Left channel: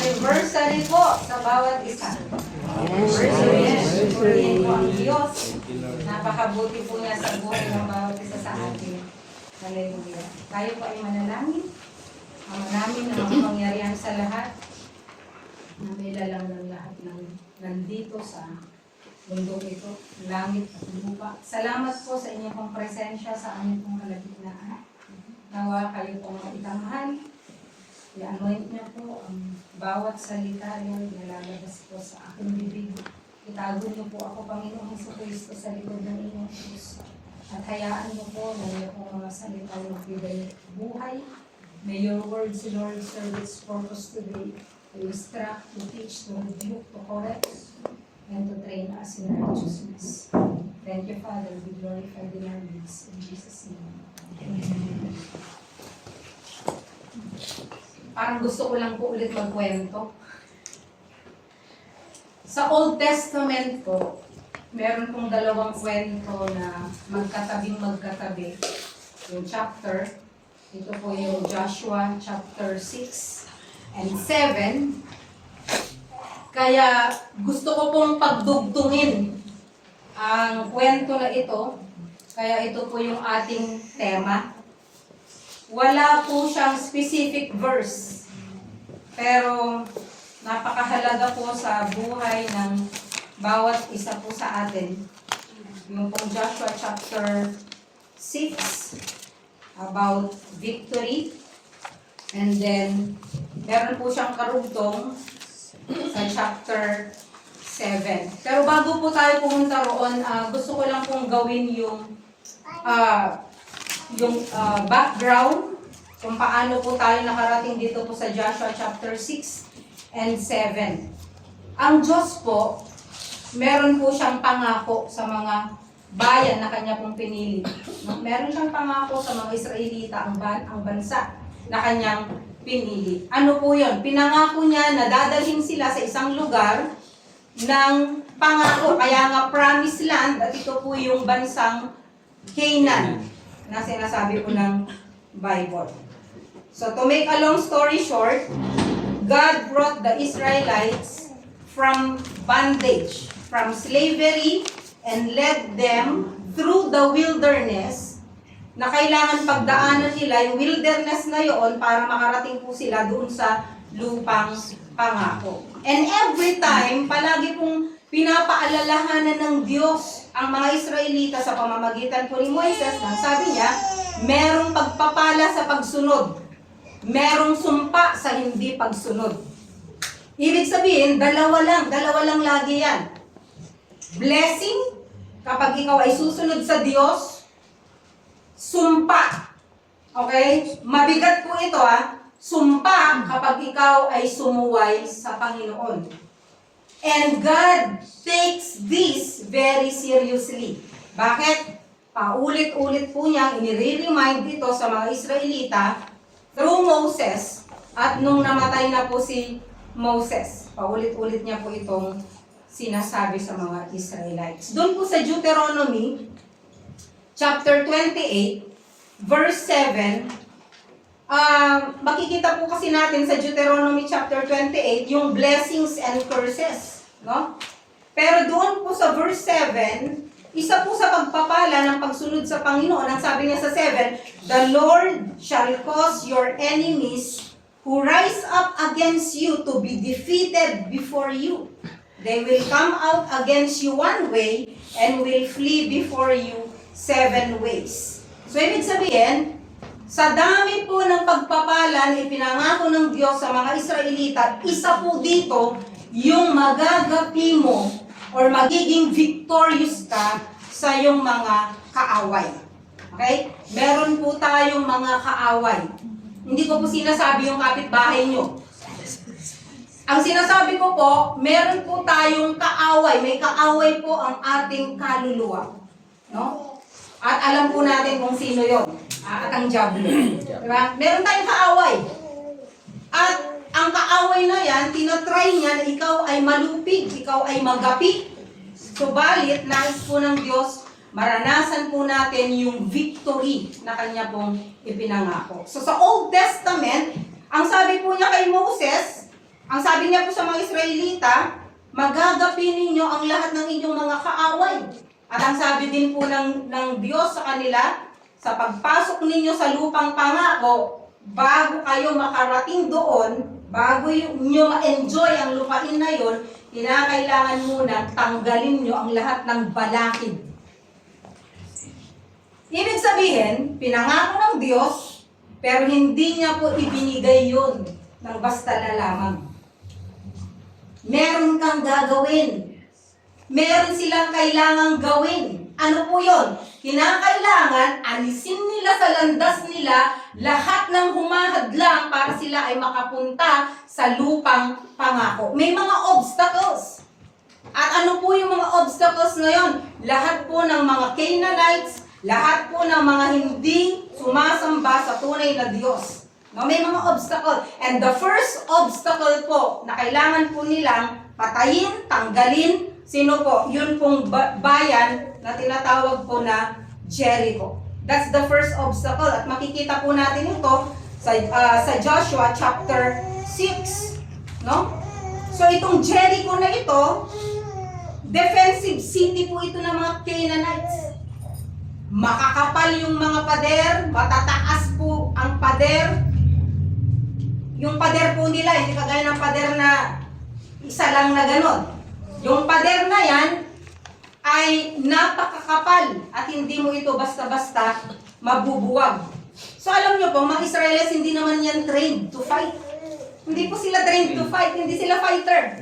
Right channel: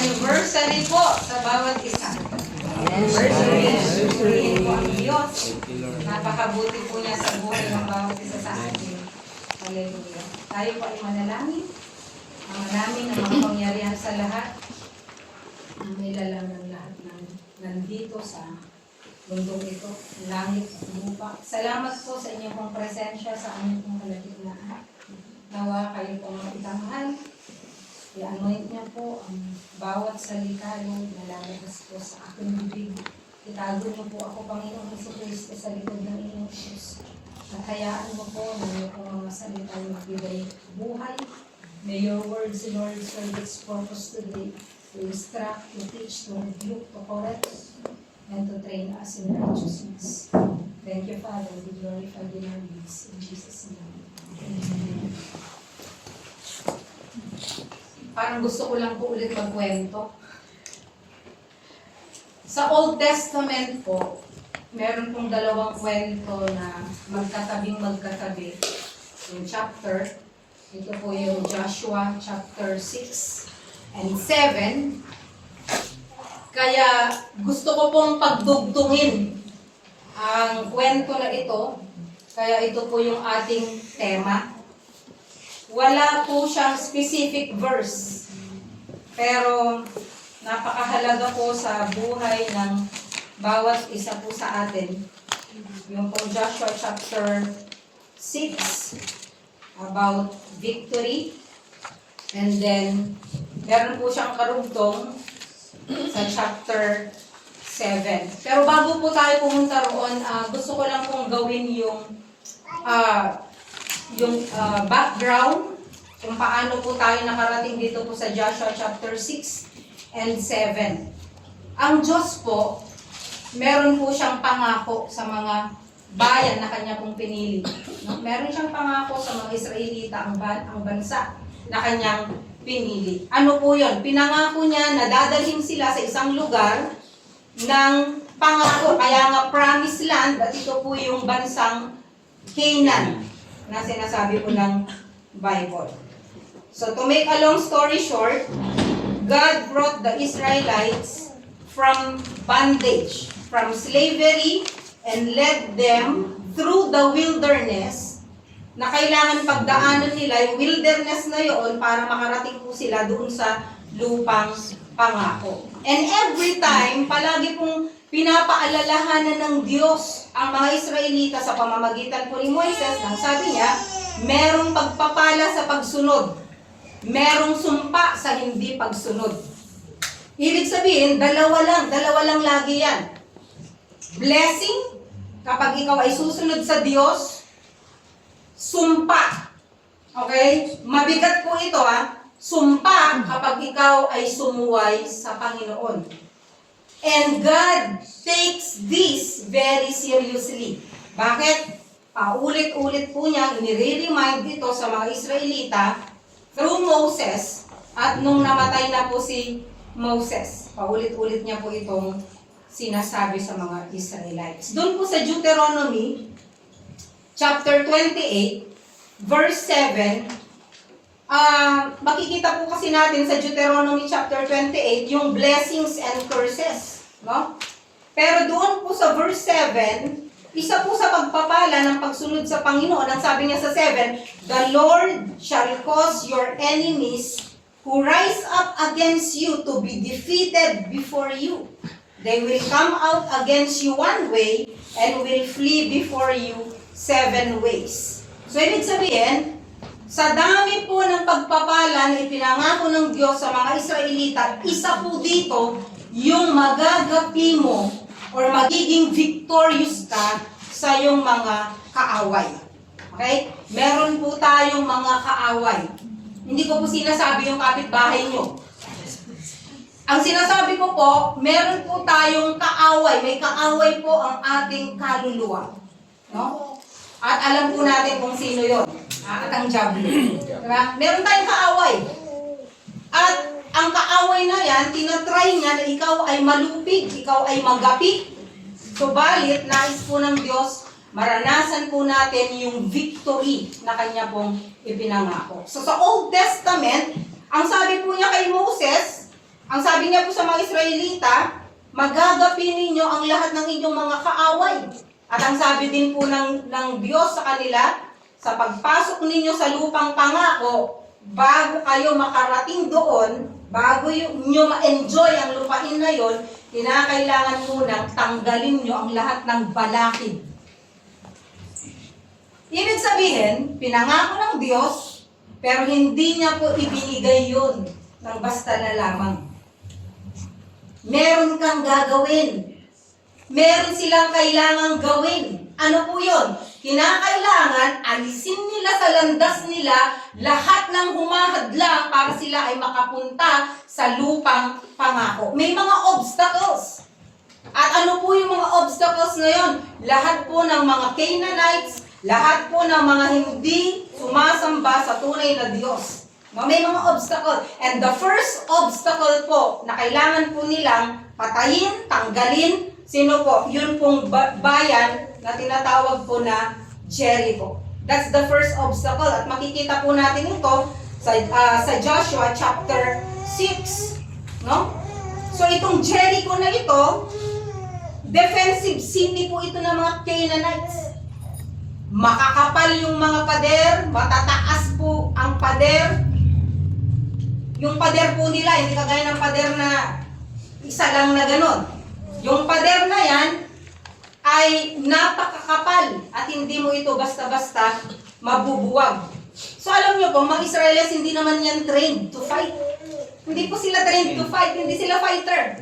anniversary po sa bawat isa. Purihin po ang Diyos. Napakabuti po niya sa buhay ng bawat isa sa atin. Hallelujah. Tayo po ay manalangin. Ang marami na mga pangyarihan sa lahat. Ang may lalang ng lahat ng nandito sa mundong ito, langit at lupa. Salamat po sa inyong pong presensya sa aming pong kalagitnaan. Nawa kayo pong itanghal. I-anoint niya po ang bawat salita yung nalalabas po sa aking bibig. Itago niyo po ako, Panginoong Jesucristo, sa likod ng inyong Diyos. At hayaan mo po na yung mga salita yung magbigay buhay. May your words, Lord, serve its purpose today to instruct, to teach, to rebuke, to correct, and to train us in righteousness. Thank you, Father. Be glorified in our midst. In Jesus' name. Amen. Parang gusto ko lang po ulit magkwento. Sa Old Testament po, meron pong dalawang kwento na magkatabi. Yung chapter, ito po yung Joshua chapter 6 and 7. Kaya gusto ko pong pagdugtungin ang kwento na ito. Kaya ito po yung ating tema. Wala po siyang specific verse. Pero napakahalaga po sa buhay ng bawat isa po sa atin. Yung pong Joshua chapter 6 about victory. And then meron po siyang karugtong sa chapter 7. Pero bago po tayo pumunta roon, gusto ko lang pong gawin yung background kung paano po tayo nakarating dito po sa Joshua chapter 6 and 7. Ang Diyos po, meron po siyang pangako sa mga bayan na kanya pong pinili. Meron siyang pangako sa mga Israelita, ang bansa na kanyang pinili. Ano po yun? Pinangako niya na dadalhin sila sa isang lugar ng pangako. Kaya nga promised land, at ito po yung bansang Canaan na sinasabi po ng Bible. So to make a long story short, God brought the Israelites from bondage, from slavery, and led them through the wilderness na kailangan pagdaanan nila yung wilderness na yon para makarating po sila doon sa lupang pangako. And every time, palagi pong pinapaalalahanan ng Diyos ang mga Israelita sa pamamagitan po ni Moises nang sabi niya, merong pagpapala sa pagsunod, merong sumpa sa hindi pagsunod. Ibig sabihin, dalawa lang lagi yan. Blessing, kapag ikaw ay susunod sa Diyos, sumpa. Okay? Mabigat po ito sumpa kapag ikaw ay sumuway sa Panginoon. And God takes this very seriously. Bakit? Paulit-ulit po niya, inire-remind ito sa mga Israelita through Moses at nung namatay na po si Moses. Paulit-ulit niya po itong sinasabi sa mga Israelites. Doon po sa Deuteronomy chapter 28 verse 7, makikita po kasi natin sa Deuteronomy chapter 28 yung blessings and curses, no? Pero doon po sa verse 7, isa po sa pagpapala ng pagsunod sa Panginoon, ang sabi niya sa 7, the Lord shall cause your enemies who rise up against you to be defeated before you. They will come out against you one way and will flee before you 7 ways. So, ibig sabihin, sa dami po ng pagpapala na ipinangako ng Diyos sa mga Israelita, isa po dito yung magagapi mo or magiging victorious ka sa iyong mga kaaway. Okay? Meron po tayong mga kaaway. Hindi ko po sinasabi yung kapitbahay nyo. Ang sinasabi ko po, meron po tayong kaaway. May kaaway po ang ating kaluluwa. No? At alam po natin kung sino yon. At ang diablo. Diba? Meron tayong kaaway. At ang kaaway na yan, tinatry niya na ikaw ay malupig, ikaw ay magapi. Subalit, nais po ng Diyos, maranasan po natin yung victory na kanya pong ipinangako. So sa Old Testament, ang sabi po niya kay Moses, Ang sabi niya po sa mga Israelita, magagapi ninyo ang lahat ng inyong mga kaaway. At ang sabi din po ng Diyos sa kanila, sa pagpasok ninyo sa lupang pangako, bago kayo makarating doon, bago nyo ma-enjoy ang lupain na yon, kinakailangan munang tanggalin nyo ang lahat ng balakid. Ibig sabihin, pinangako ng Diyos, pero hindi niya po ibinigay yun ng basta na lamang. Meron kang gagawin. Meron silang kailangang gawin. Ano po yun? Kinakailangan alisin nila sa landas nila lahat ng humahadlang para sila ay makapunta sa lupang pangako. May mga obstacles. At ano po yung mga obstacles na yun? Lahat po ng mga Canaanites, lahat po ng mga hindi sumasamba sa tunay na Diyos. No, may mga obstacle. And the first obstacle po na kailangan po nilang patayin, tanggalin, sino po? Yun pong bayan na tinatawag po na Jericho. That's the first obstacle. At makikita po natin ito sa Joshua chapter 6. No? So itong Jericho na ito, defensive city po ito ng mga Canaanites. Makakapal yung mga pader, matataas po ang pader. Yung pader po nila, hindi kagaya ng pader na isa lang na ganon. Yung pader na yan ay napakakapal at hindi mo ito basta-basta mabubuwag. So alam nyo po, mga Israelis hindi naman yan trained to fight. Hindi po sila trained to fight, hindi sila fighter.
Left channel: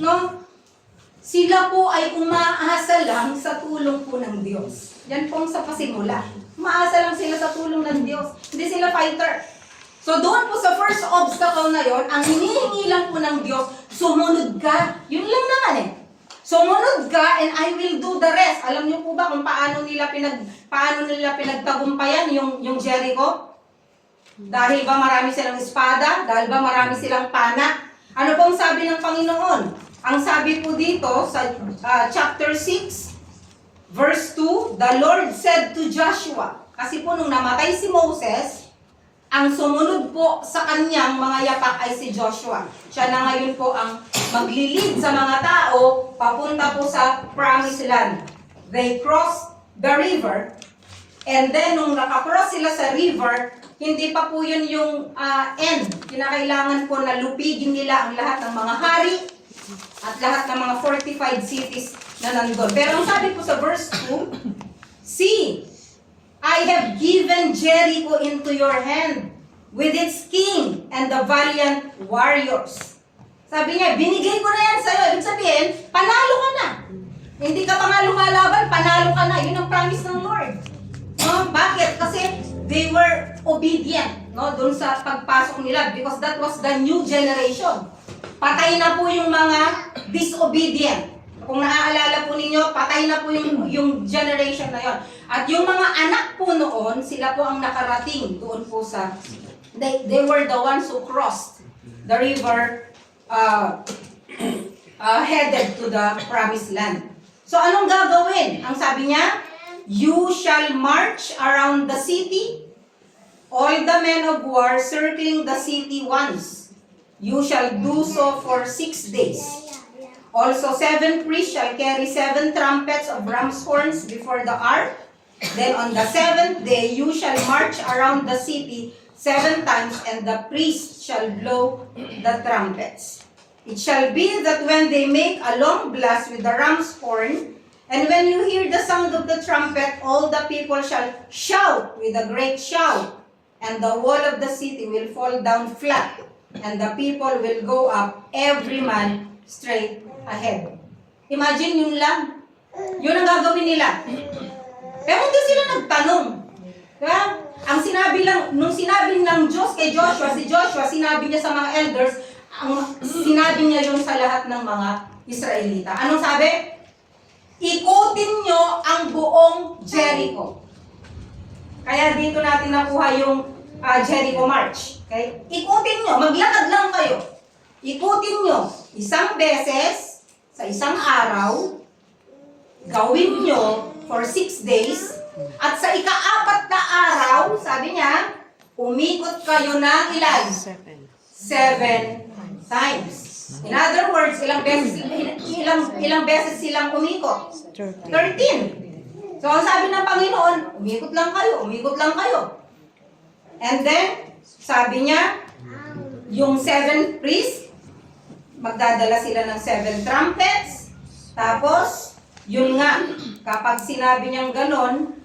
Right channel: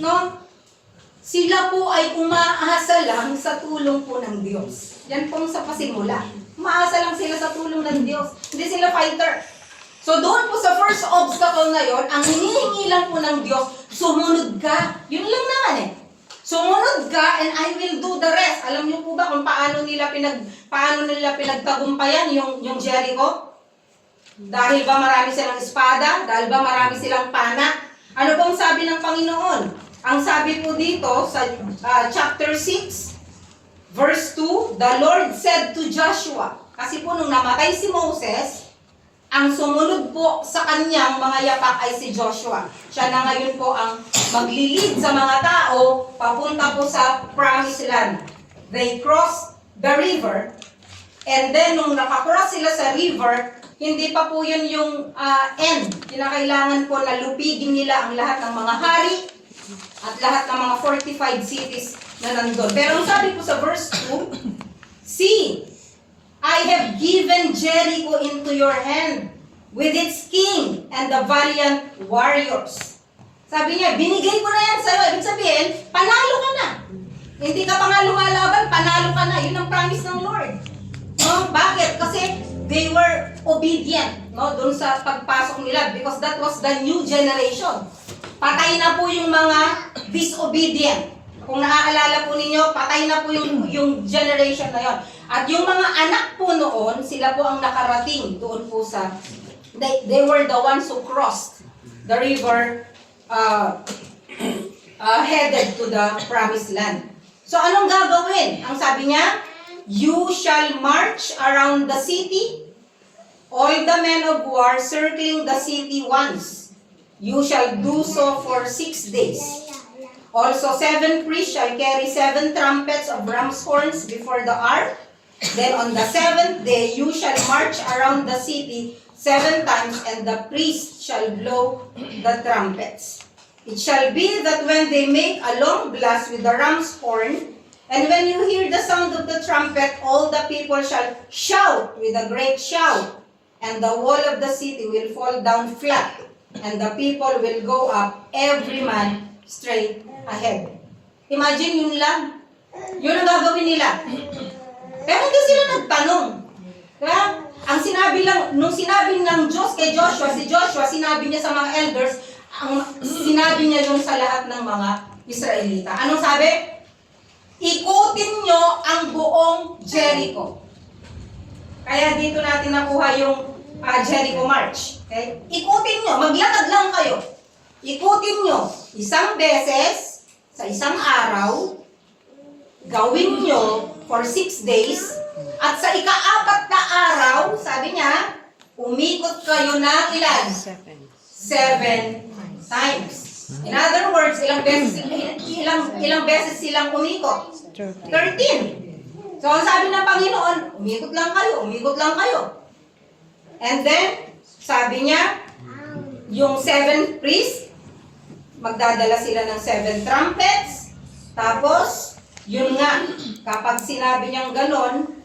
No? Sila po ay umaasa lang sa tulong po ng Diyos. Yan pong sa pasimula. Umaasa lang sila sa tulong ng Diyos. Hindi sila fighter. So doon po sa first obstacle na yon, ang hinihingi lang po ng Diyos, sumunod ka. Yun lang naman eh. Sumunod ka and I will do the rest. Alam niyo po ba kung paano nila pinagtagumpayan yung Jericho? Dahil ba marami silang espada? Dahil ba marami silang pana? Ano pong sabi ng Panginoon? Ang sabi po dito sa chapter 6, verse 2, the Lord said to Joshua, kasi po nung namatay si Moses, ang sumunod po sa kanyang mga yapak ay si Joshua. Siya na ngayon po ang maglilid sa mga tao papunta po sa promised land. They crossed the river, and then nung nakakross sila sa river, hindi pa po yun yung end. Kinakailangan po na lupigin nila ang lahat ng mga hari at lahat ng mga fortified cities na nandun. Pero ang sabi po sa verse 2, see, I have given Jericho into your hand with its king and the valiant warriors. Sabi niya, binigay ko na yan sa'yo. Ibig sabihin, panalo ka na. Hindi ka pa nga lumalaban, panalo ka na. Yun ang promise ng Lord. No? Bakit? Kasi they were obedient, no? Doon sa pagpasok nila because that was the new generation. Patay na po yung mga disobedient. Kung naaalala po ninyo, patay na po yung generation na yon. At yung mga anak po noon, sila po ang nakarating doon po sa, they were the ones who crossed the river headed to the promised land. So anong gagawin? Ang sabi niya, you shall march around the city, all the men of war circling the city once. You shall do so for 6 days. Also 7 priests shall carry 7 trumpets of ram's horns before the ark. Then on the 7th day you shall march around the city 7 times, and the priests shall blow the trumpets. It shall be that when they make a long blast with the ram's horn, and when you hear the sound of the trumpet, all the people shall shout with a great shout, and the wall of the city will fall down flat, and the people will go up, every man straight ahead. Imagine yun lang. Yun ang gagawin nila. Pero hindi sila nagtanong. Diba? Ang sinabi lang, nung sinabi ng Diyos kay Joshua, si Joshua, sinabi niya sa mga elders, sinabi niya yun sa lahat ng mga Israelita. Anong sabi? Ikutin nyo ang buong Jericho. Kaya dito natin nakuha yung Jericho March. Okay? Ikutin nyo, maglakad lang kayo. Ikutin nyo isang beses sa isang araw, gawin nyo for 6 days, at sa ika-4 na araw, sabi niya, umikot kayo ng ilan? 7 times. Afterwards, ilang beses silang umikot? 13. So, ang sabi ng Panginoon, umikot lang kayo, umikot lang kayo. And then, sabi niya, yung 7 priests, magdadala sila ng 7 trumpets. Tapos, yun nga, kapag sinabi niyang ganon,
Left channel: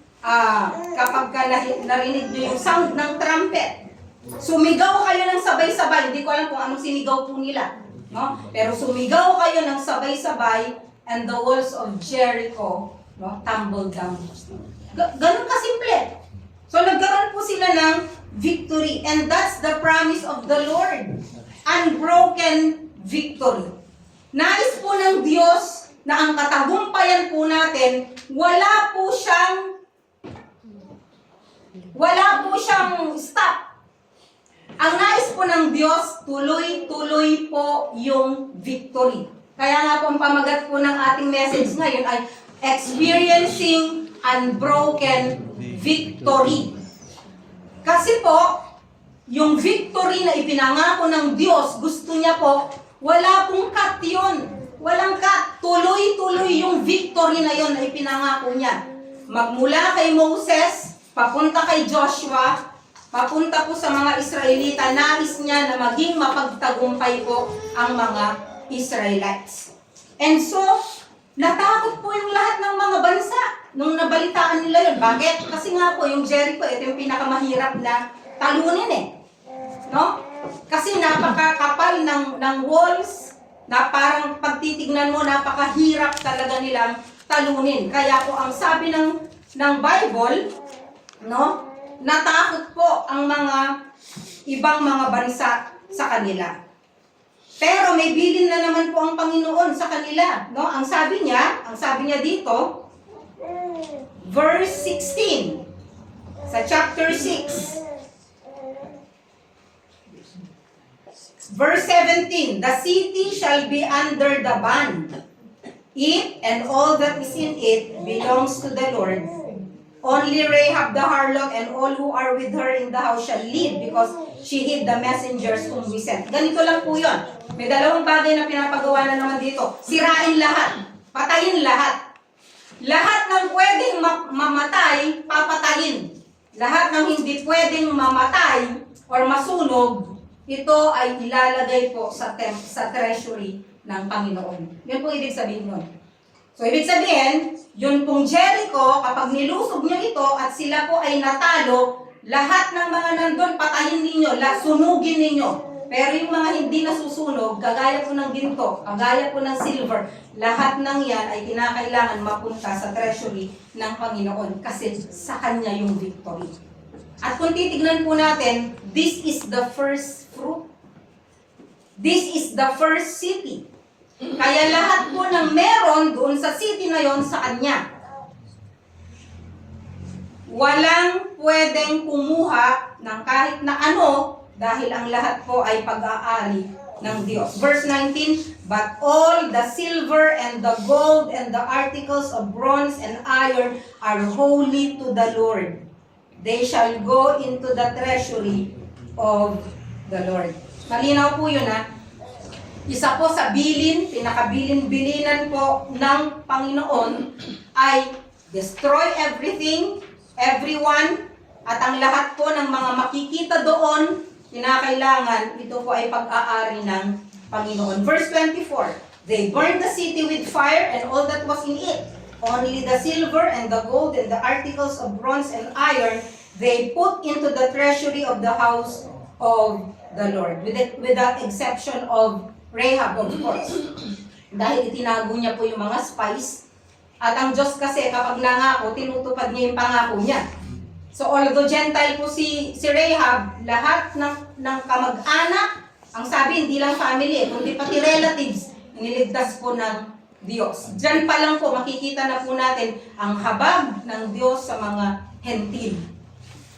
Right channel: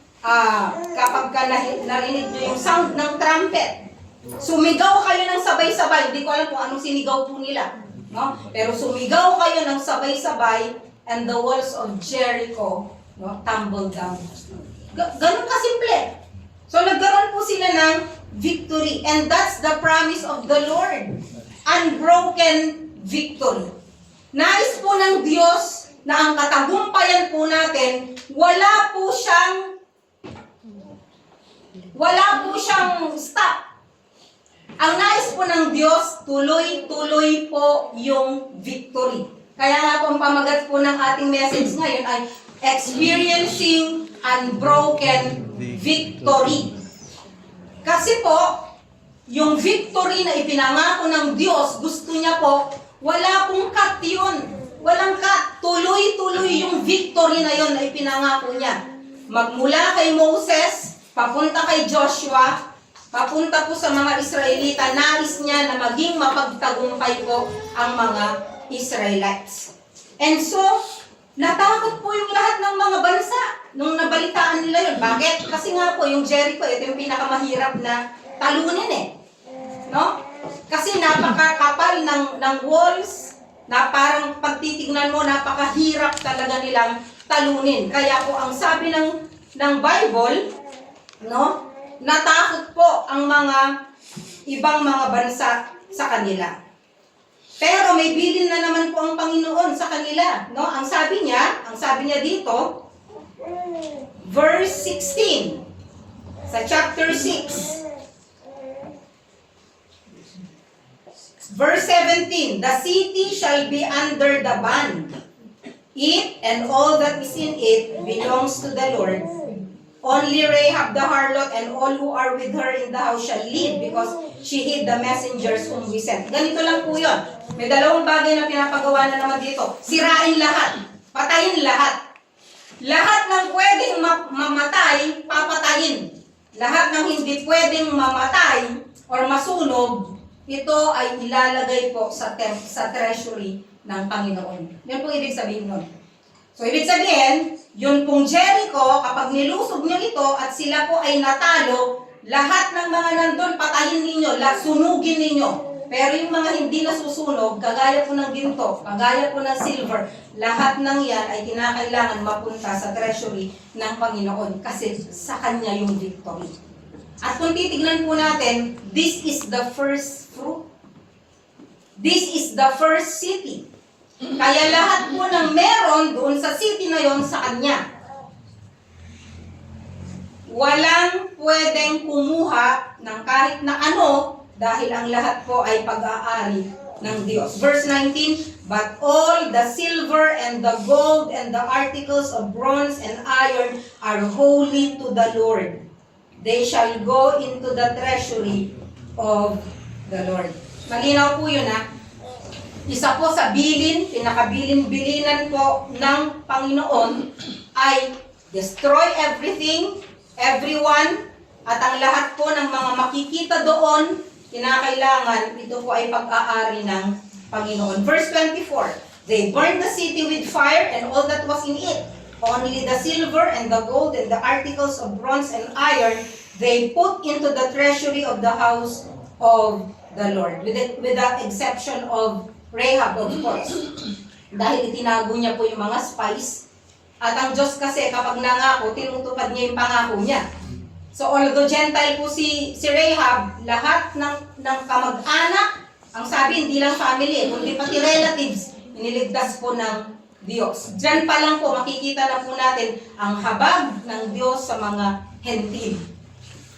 kapag narinig niyo yung sound ng trumpet, sumigaw kayo ng sabay-sabay. Hindi ko alam kung anong sinigaw po nila. No? Pero sumigaw kayo ng sabay-sabay and the walls of Jericho, no, tumbled down. Ganun kasimple. So nagkaroon po sila ng victory, and that's the promise of the Lord. Unbroken victory. Nais po ng Diyos na ang katagumpayan po natin, wala po siyang stop. Ang nais po ng Diyos, tuloy-tuloy po yung victory. Kaya nga po ang pamagat po ng ating message ngayon ay experiencing unbroken victory. Kasi po, yung victory na ipinangako ng Diyos, gusto niya po, wala pong cut yun. Walang cut. Tuloy-tuloy yung victory na yun na ipinangako niya. Magmula kay Moses, papunta kay Joshua, papunta po sa mga Israelita, nais niya na maging mapagtagumpay po ang mga Israelites. And so, natakot po yung lahat ng mga bansa nung nabalitaan nila yun. Bakit? Kasi nga po, yung Jericho, ito yung pinakamahirap na talunin eh. No? Kasi napakakapal ng walls, na parang pagtitignan mo, napakahirap talaga nilang talunin. Kaya po, ang sabi ng Bible, no? Natakot po ang mga ibang mga bansa sa kanila. Pero may bilin na naman po ang Panginoon sa kanila, no? Ang sabi niya dito, verse 16 sa chapter 6. Verse 17, the city shall be under the ban. It and all that is in it belongs to the Lord. Only Rahab the harlot and all who are with her in the house shall live because she hid the messengers whom we sent. Ganito lang po yun. May dalawang bagay na pinapagawa na naman dito. Sirain lahat. Patayin lahat. Lahat ng pwedeng mamatay, papatayin. Lahat ng hindi pwedeng mamatay or masunog, ito ay ilalagay po sa treasury ng Panginoon. Yun po ibig sabihin nun. So, ibig sabihin, yun pong Jericho, kapag nilusog nyo ito at sila po ay natalo, lahat ng mga nandun, patayin ninyo, sunugin ninyo. Pero yung mga hindi nasusunog, kagaya po ng ginto, kagaya po ng silver, lahat ng yan ay kinakailangan mapunta sa treasury ng Panginoon kasi sa Kanya yung victory. At kung titignan po natin, this is the first fruit. This is the first city. Kaya lahat po ng meron doon sa city na yon sa Kanya. Walang pwedeng kumuha ng kahit na ano dahil ang lahat po ay pag-aari ng Diyos. Verse 19, but all the silver and the gold and the articles of bronze and iron are holy to the Lord. They shall go into the treasury of the Lord. Malinaw po yun ha. Isa po sa bilin, pinakabilin-bilinan po ng Panginoon ay destroy everything, everyone, at ang lahat po ng mga makikita doon, kinakailangan, ito po ay pag-aari ng Panginoon. Verse 24, they burned the city with fire and all that was in it. Only the silver and the gold and the articles of bronze and iron they put into the treasury of the house of the Lord. With the exception of Rahab, of course. Dahil itinago niya po yung mga spies. At ang Diyos kasi kapag nangako, tinutupad niya yung pangako niya. So although Gentile po si Rahab, lahat ng kamag-anak, ang sabi hindi lang family, kundi pati relatives, iniligtas po ng Diyos. Diyan pa lang po makikita na po natin ang habag ng Diyos sa mga hentil.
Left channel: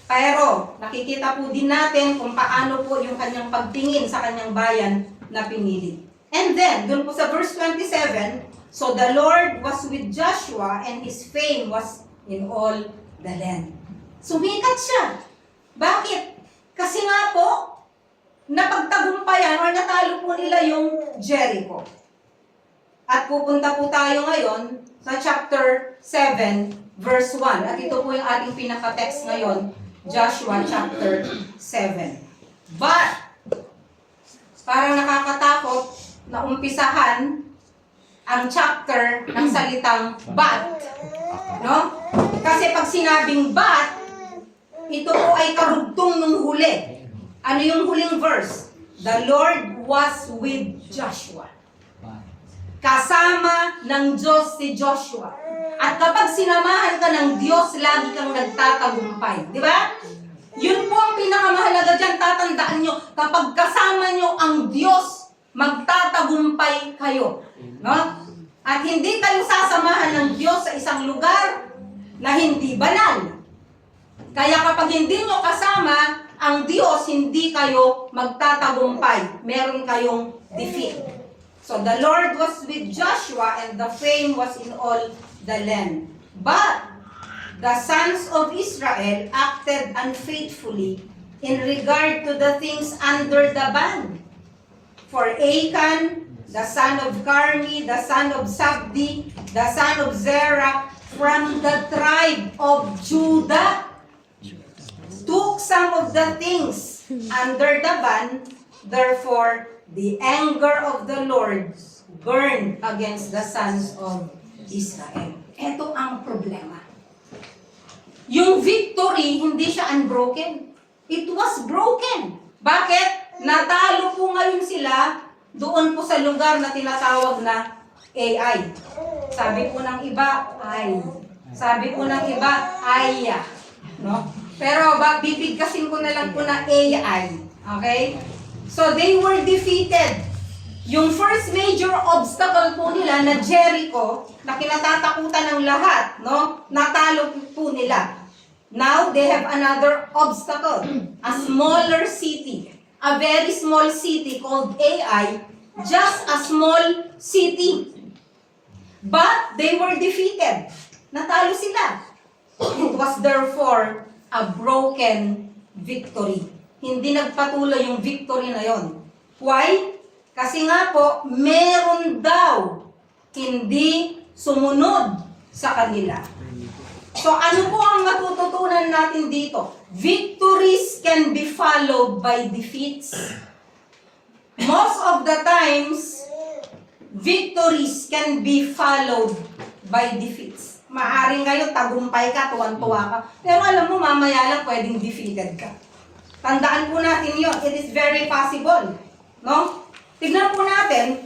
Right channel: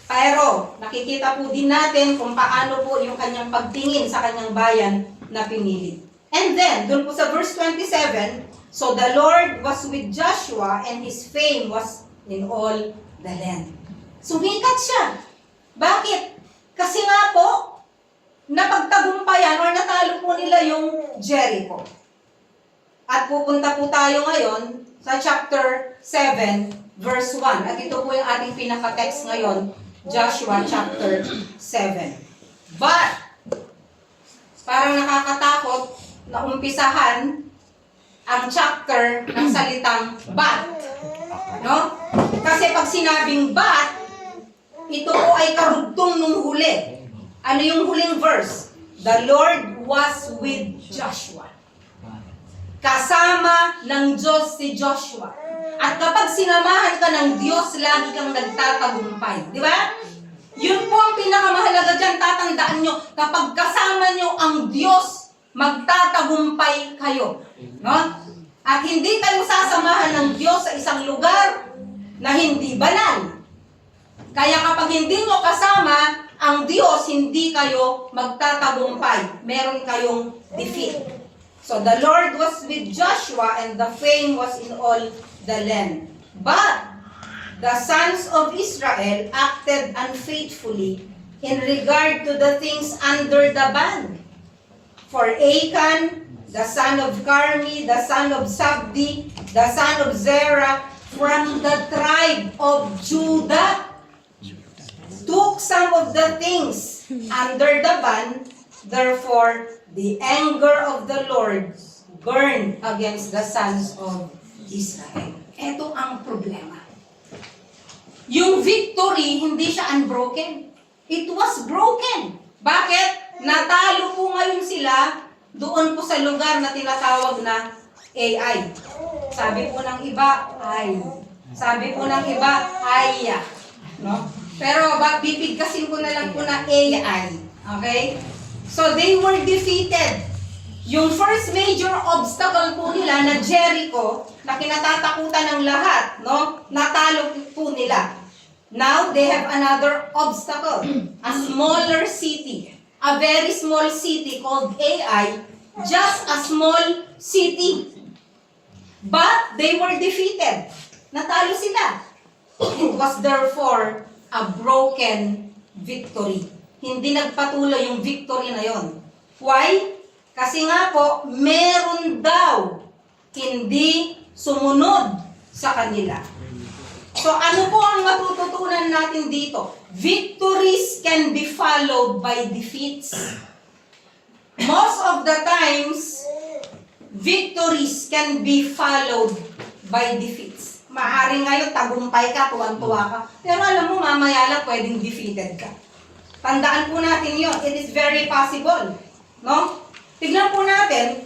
Pero nakikita po din natin kung paano po yung kanyang pagtingin sa kanyang bayan na pinili. And then, dun po sa verse 27, so the Lord was with Joshua and his fame was in all the land. Sumikat siya. Bakit? Kasi nga po, napagtagumpayan or natalo po nila yung Jericho. At pupunta po tayo ngayon sa chapter 7, verse 1. At ito po yung ating pinaka-text ngayon, Joshua chapter 7. But, parang nakakatakot na umpisahan ang chapter ng salitang but. No? Kasi pag sinabing but, ito po ay karugtong nung huli. Ano yung huling verse? The Lord was with Joshua. Kasama ng Diyos si Joshua. At kapag sinamahan ka ng Diyos, lagi kang nagtatagumpay. Di ba? Yun po ang pinakamahalaga dyan. Tatandaan nyo, kapag kasama nyo ang Diyos, magtatagumpay kayo. No? At hindi kayo sasamahan ng Diyos sa isang lugar na hindi banal. Kaya kapag hindi nyo kasama ang Diyos, hindi kayo magtatagumpay. Meron kayong defeat. So the Lord was with Joshua and the fame was in all the land. But the sons of Israel acted unfaithfully in regard to the things under the ban. For Achan, the son of Carmi, the son of Sabdi, the son of Zerah, from the tribe of Judah, took some of the things under the ban. Therefore, the anger of the Lord burned against the sons of Israel. Ito ang problema. Yung victory, hindi siya unbroken. It was broken. Bakit? Natalo po ngayon sila doon po sa lugar na tinatawag na AI. Sabi po ng iba, ay. Sabi po ng iba, aya. No? Pero bibigkasin ko na lang po na AI. Okay? So they were defeated. Yung first major obstacle po nila na Jericho, na kinatatakutan ng lahat, no? Natalo po nila. Now they have another obstacle, a smaller city, a very small city called Ai, just a small city. But they were defeated. Natalo sila. It was therefore a broken victory. Hindi nagpatuloy yung victory na yon. Why? Kasi nga po, meron daw hindi sumunod sa kanila. So ano po ang matututunan natin dito? Victories can be followed by defeats. Most of the times, victories can be followed by defeats. Maaring ngayon, tagumpay ka, tuwan-tuwa ka. Pero alam mo, mamaya lang pwedeng defeated ka. Tandaan po natin yun. It is very possible. No? Tignan po natin,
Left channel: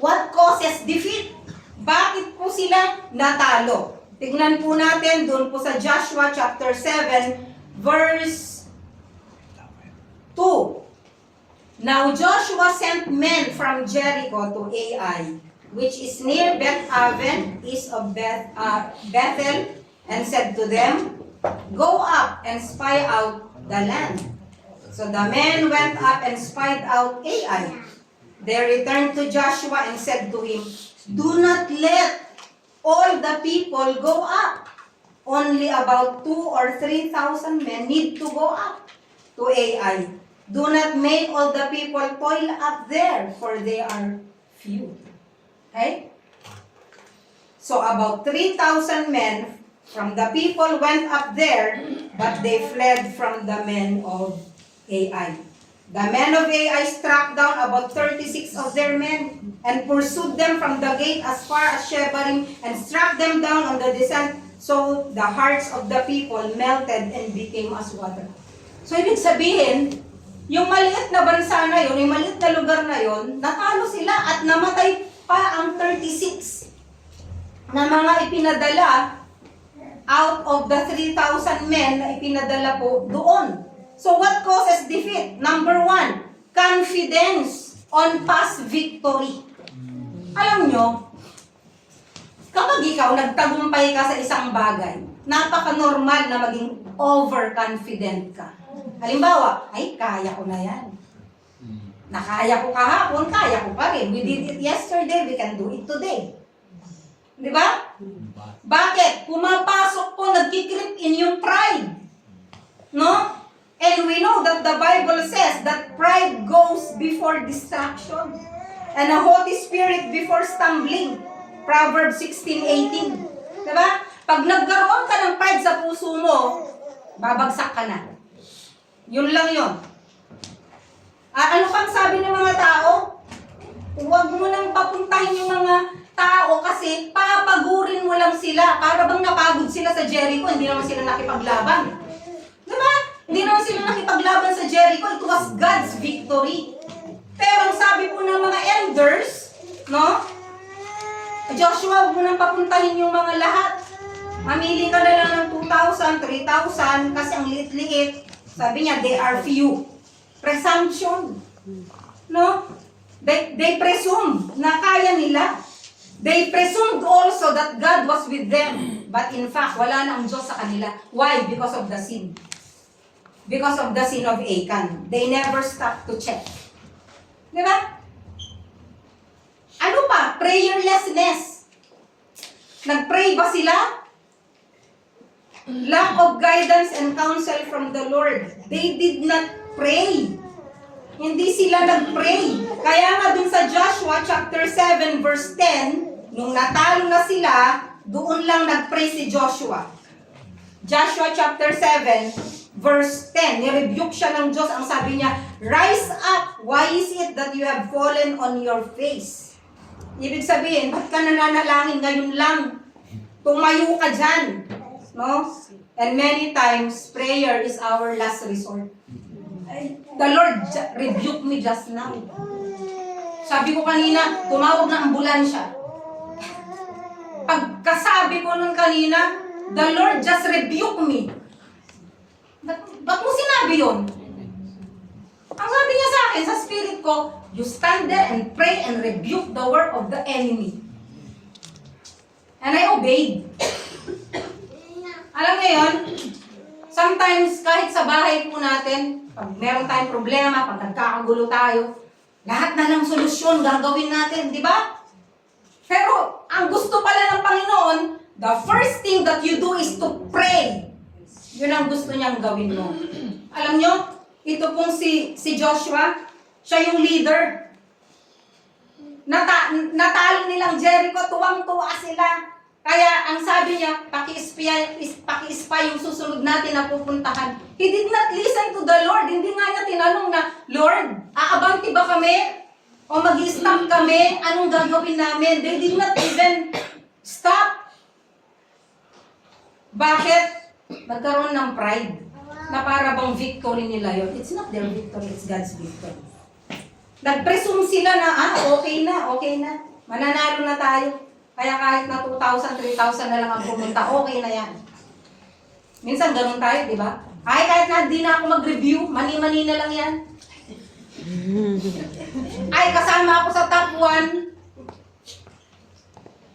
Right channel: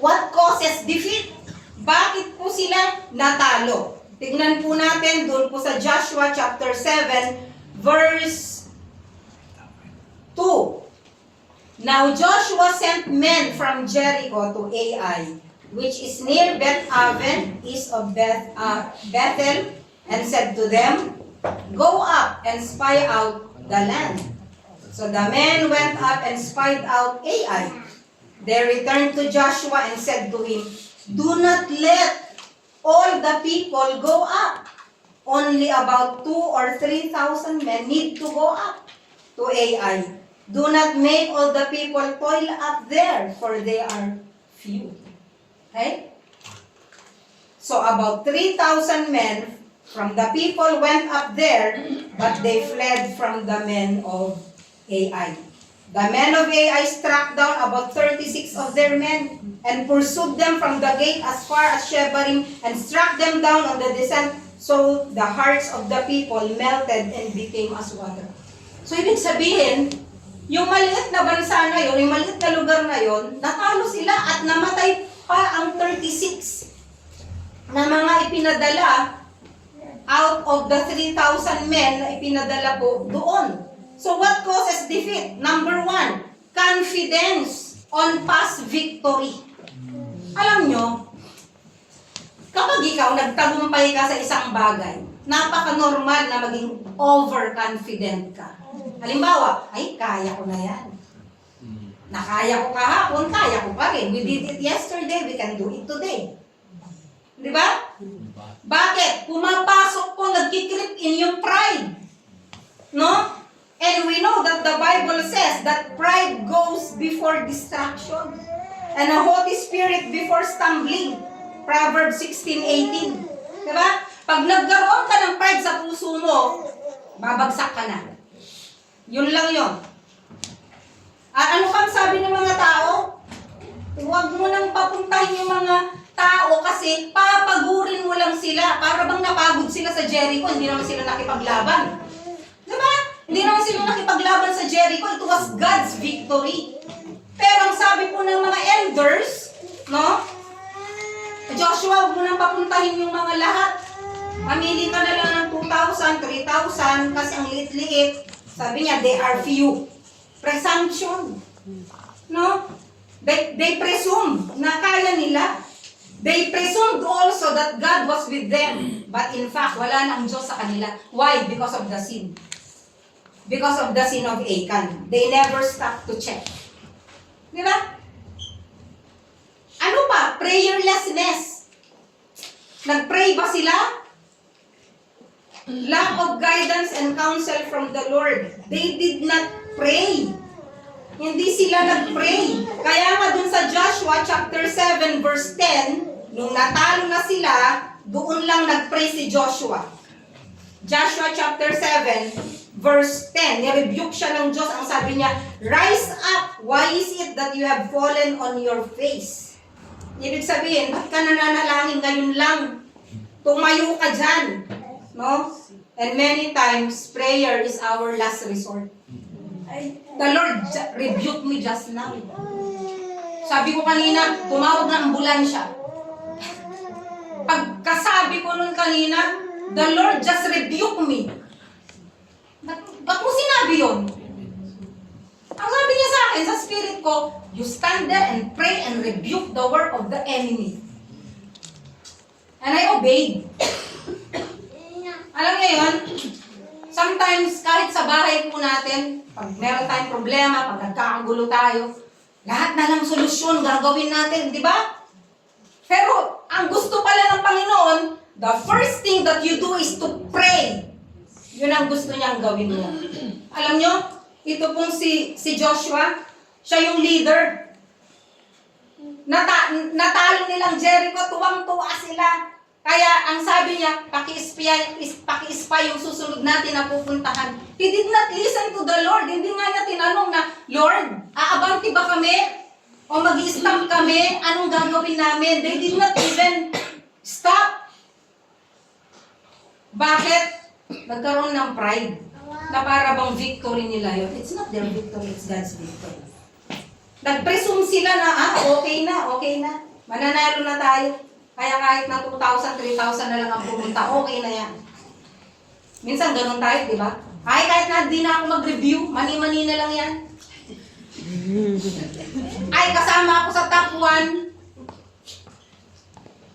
what causes defeat? Bakit po sila natalo? Tignan po natin doon po sa Joshua chapter 7, verse 2. Now Joshua sent men from Jericho to Ai, which is near Beth-aven, east of Bethel, and said to them, Go up and spy out the land. So the men went up and spied out Ai. They returned to Joshua and said to him, Do not let all the people go up. Only about 2,000 or 3,000 men need to go up to Ai. Do not make all the people toil up there, for they are few. Okay? So about 3,000 men from the people went up there, but they fled from the men of Ai. The men of Ai struck down about 36 of their men and pursued them from the gate as far as Shebarim and struck them down on the descent, so the hearts of the people melted and became as water. So ibig sabihin, yung maliit na bansa na yun, yung maliit na lugar na yun, natalo sila at namatay pa ang 36 na mga ipinadala out of the 3,000 men na ipinadala po doon. So what causes defeat? Number 1, confidence on past victory. Alam nyo, kapag ikaw nagtagumpay ka sa isang bagay, napaka-normal na maging overconfident ka. Halimbawa, ay, kaya ko na yan. Nakaya ko kahapon, kaya ko pa rin. We did it yesterday, we can do it today. Di ba? Bakit? Pumapasok po, nagkikreep in yung pride. No? And we know that the Bible says that pride goes before destruction. and a haughty spirit before stumbling. Proverbs 16:18. Diba? Pag nagkaroon ka ng pride sa puso mo, babagsak ka na. Yun lang yun. Ano pang sabi ng mga tao? Huwag mo nang papuntahin yung mga tao kasi papagurin mo lang sila. Para bang napagod sila sa Jericho, hindi naman sila nakipaglaban. Diba? Hindi naman sila nakipaglaban sa Jericho. It was God's victory. Pero ang sabi po ng mga elders, no? Joshua, huwag mo nang papuntahin yung mga lahat. Mamili ka na lang ng 2,000, 3,000 kasi ang liit-liit. Sabi niya, they are few. Presumption. No? They presume na kaya nila. They presumed also that God was with them. But in fact, wala na ang Diyos sa kanila. Why? Because of the sin. Because of the sin of Achan. They never stopped to check. Di ba? Ano pa? Prayerlessness. Nag-pray ba sila? Lack of guidance and counsel from the Lord. They did not pray. Hindi sila nag-pray. Kaya nga dun sa Joshua chapter 7 verse 10, nung natalo na sila, doon lang nag-pray si Joshua. Joshua chapter 7 verse 10, nirebuke siya ng Diyos. Ang sabi niya, rise up, why is it that you have fallen on your face? Ibig sabihin, ba't ka nananalangin ngayon lang? Tumayo ka dyan. No? And many times, prayer is our last resort. The Lord rebuked me just now. Sabi ko kanina, tumawag na ambulansya. Pagkasabi ko nun kanina, the Lord just rebuked me. Ba't mo sinabi yun? Ang sabi niya sa akin, sa spirit ko, you stand there and pray and rebuke the work of the enemy. And I obeyed. Alam niyo yun? Sometimes, kahit sa bahay po natin, pag meron tayong problema, pag nagkakagulo tayo, lahat na lang solusyon gagawin natin, di ba? Pero, ang gusto pala ng Panginoon, the first thing that you do is to pray. Yun ang gusto niyang gawin mo. Alam niyo, ito pong si Joshua, siya yung leader. Natalo nilang Jericho, tuwang-tuwa sila. Kaya ang sabi niya, paki-spy yung susunod natin na pupuntahan. He did not listen to the Lord. Hindi nga niya tinanong na, Lord, aabanti ba kami? O mag-i-stop kami? Anong gagawin namin? They did not even stop. Bakit? Nagkaroon ng pride na para bang victory nila yun. It's not their victory, it's God's victory. Nag-presume sila na, okay na. Mananalo na tayo. Kaya kahit na 2,000, 3,000 na lang ang pumunta, okay na yan. Minsan ganun tayo, di ba? Kahit na hindi na ako mag-review, mani-mani na lang yan. Ay, kasama ako sa top 1.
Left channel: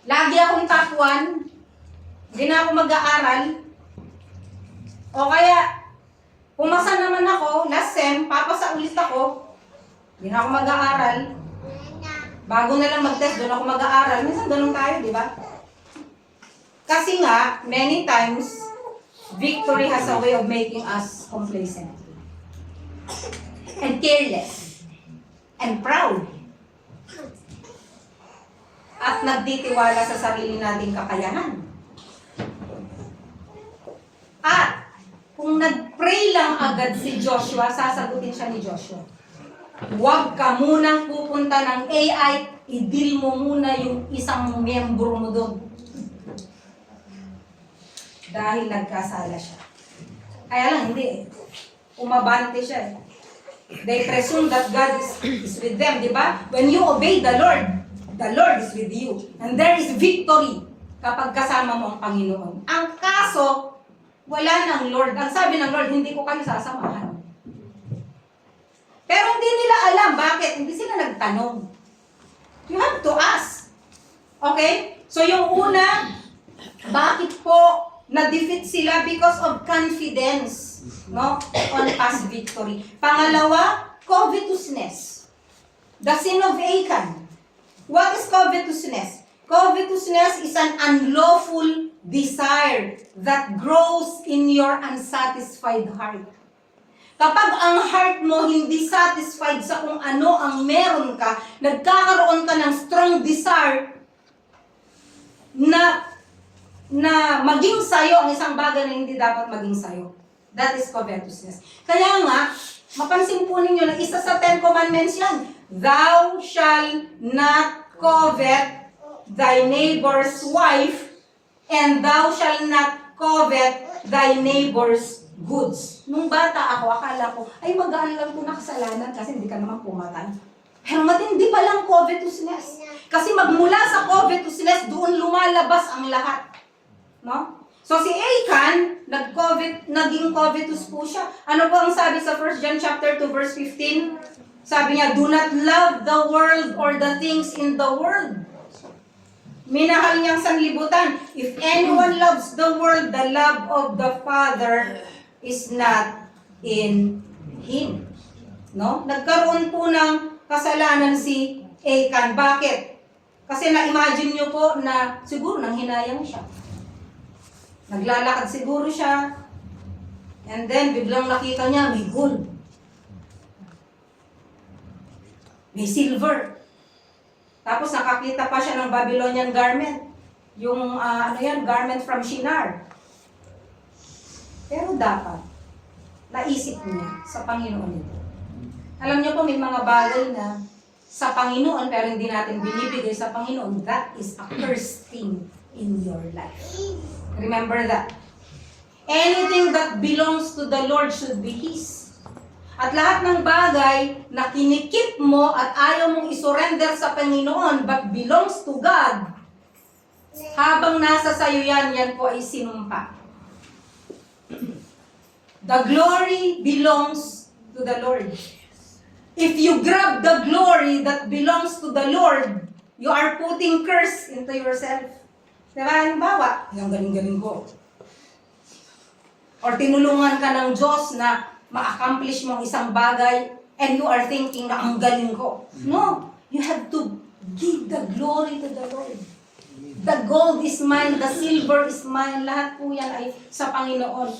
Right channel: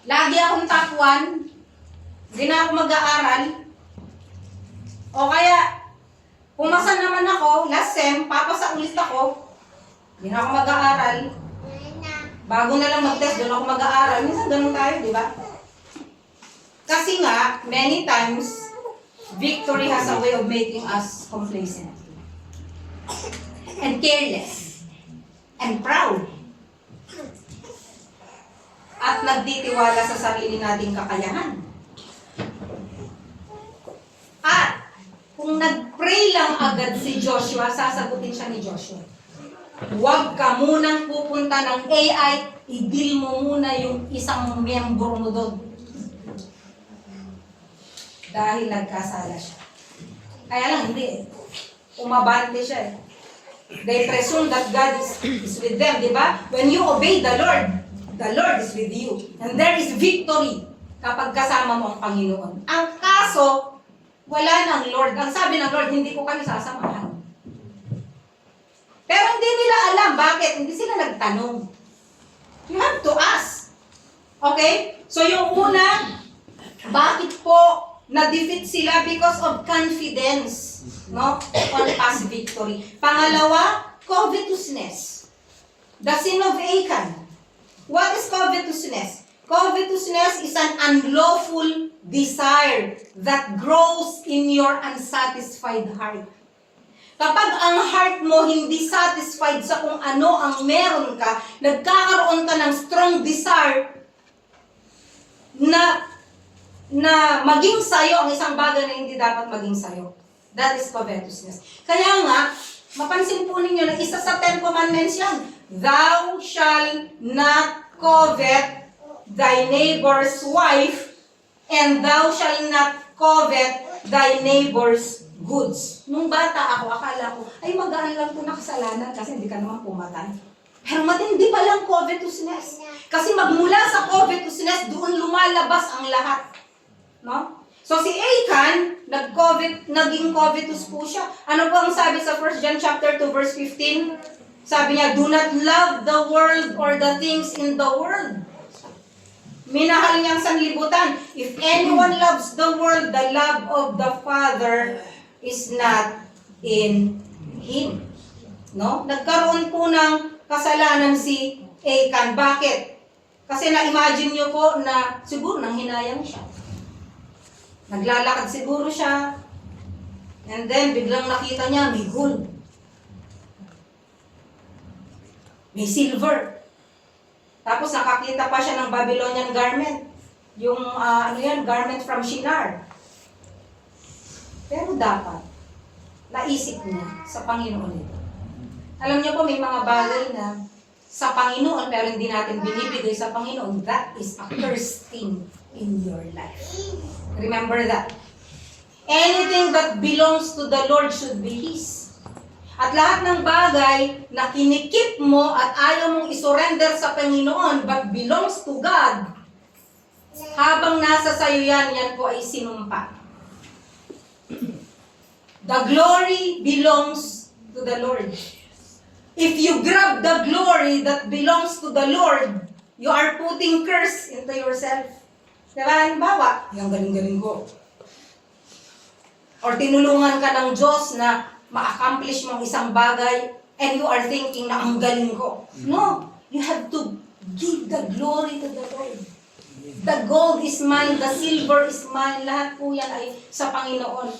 Lagi akong top 1. Hindi na ako mag-aaral. O kaya, pumasa naman ako, last sem, papasa ulit ako. Hindi na ako mag-aaral. Bago na lang mag-test, doon ako mag-aaral. Minsan ganun tayo, di ba? Kasi nga, many times, victory has a way of making us complacent. And careless. And proud. At nagtitiwala sa sarili nating kakayahan. At kung nag-pray lang agad si Joshua, sasagutin siya ni Joshua. Huwag ka munang pupunta ng AI, i-deal mo muna yung isang miyembro mo doon. Dahil nagkasala siya. Kaya lang, hindi. Umabante siya eh. They presume that God is with them, di ba? When you obey the Lord is with you. And there is victory kapag kasama mo ang Panginoon. Ang kaso, wala ng Lord. Ang sabi ng Lord, hindi ko kayo sasamahan. Pero hindi nila alam. Bakit? Hindi sila nagtanong. You have to ask. Okay? So yung una, bakit po na-defeat sila? Because of confidence. No? On past victory. Pangalawa, covetousness. The sin of Achan. What is covetousness? Covetousness is an unlawful desire that grows in your unsatisfied heart. Kapag ang heart mo hindi satisfied sa kung ano ang meron ka, nagkakaroon ka ng strong desire na maging sayo ang isang bagay na hindi dapat maging sayo. That is covetousness. Kaya nga, mapansin po ninyo na isa sa 10 Commandments yan. Thou shall not covet thy neighbor's wife, and thou shall not covet thy neighbor's goods. Nung bata ako, akala ko, ay magaan lang ito na kasalanan kasi hindi ka naman pumatay. Pero matindi palang covetousness. Kasi magmula sa covetousness, doon lumalabas ang lahat. No? So si Achan, naging covetous po siya. Ano po ang sabi sa 1 John chapter 2 verse 15? Sabi niya, do not love the world or the things in the world. Minahal niyang sanlibutan. If anyone loves the world, the love of the Father is not in him. No? Nagkaroon po ng kasalanan si Achan. Bakit? Kasi na-imagine niyo po na siguro nang hinayang siya. Naglalakad siguro siya. And then, biglang nakita niya, may gold. May silver. Tapos nakakita pa siya ng Babylonian garment. Yung, garment from Shinar. Pero dapat, naisip niya sa Panginoon ito. Alam niyo po, may mga bagay na sa Panginoon, pero hindi natin binibigay sa Panginoon. That is a cursed thing in your life. Remember that. Anything that belongs to the Lord should be His. At lahat ng bagay na kinikip mo at ayaw mong isurrender sa Panginoon but belongs to God, habang nasa sayo yan po ay sinumpa. The glory belongs to the Lord. If you grab the glory that belongs to the Lord, you are putting curse into yourself. Diba? Halimbawa, yung galing-galing ko. Or tinulungan ka ng Diyos na ma-accomplish mong isang bagay and you are thinking na ang galing ko. No. You have to give the glory to the Lord. The gold is mine, the silver is mine. Lahat po yan ay sa Panginoon.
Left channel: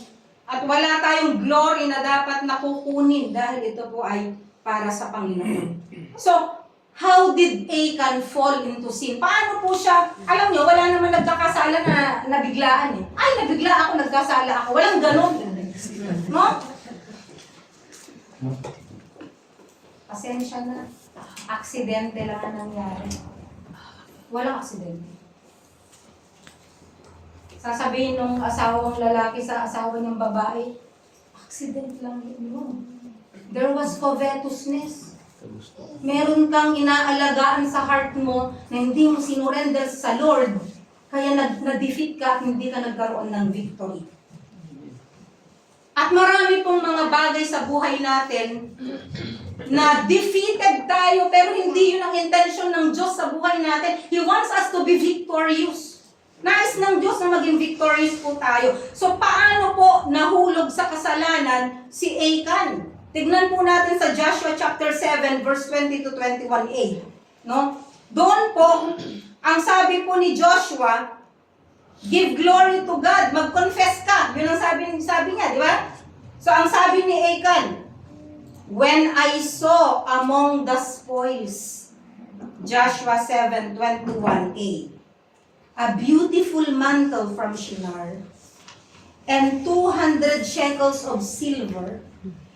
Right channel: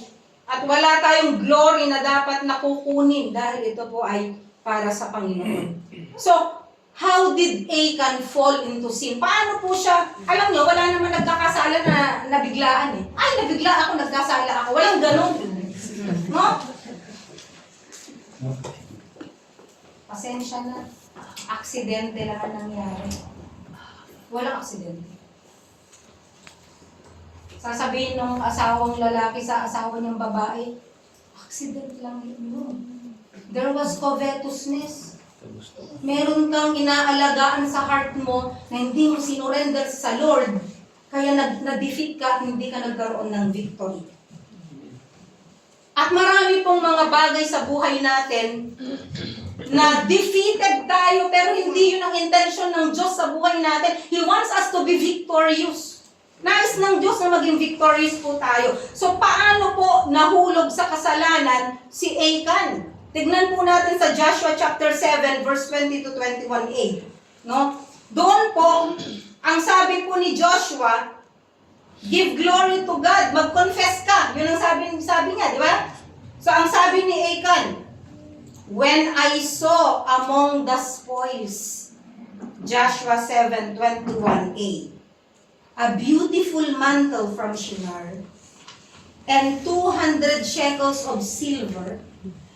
At wala tayong glory na dapat nakukunin dahil ito po ay para sa Panginoon. So, how did Achan fall into sin? Paano po siya? Alam nyo, wala naman nagkakasala na nabiglaan eh. Ay, nabigla ako, nagkasala ako. Walang ganun. No? Pasensya na. Aksidente lang ang nangyari. Walang aksidente. Sasabihin ng asawang lalaki sa asawa niyang babae, aksidente lang yun. There was covetousness. Meron kang inaalagaan sa heart mo na hindi mo sinurrender sa Lord, kaya na-defeat ka at hindi ka nagkaroon ng victory. At marami pong mga bagay sa buhay natin na defeated tayo pero hindi yun ang intention ng Diyos sa buhay natin. He wants us to be victorious. Nais ng Diyos na maging victorious po tayo. So paano po nahulog sa kasalanan si Achan? Tignan po natin sa Joshua chapter 7 verse 20 to 21a. No? Doon po, ang sabi po ni Joshua, give glory to God, mag-confess ka. Yun ang sabi niya, di ba? So ang sabi ni Achan, when I saw among the spoils, Joshua 7:21a, a beautiful mantle from Shinar, and 200 shekels of silver,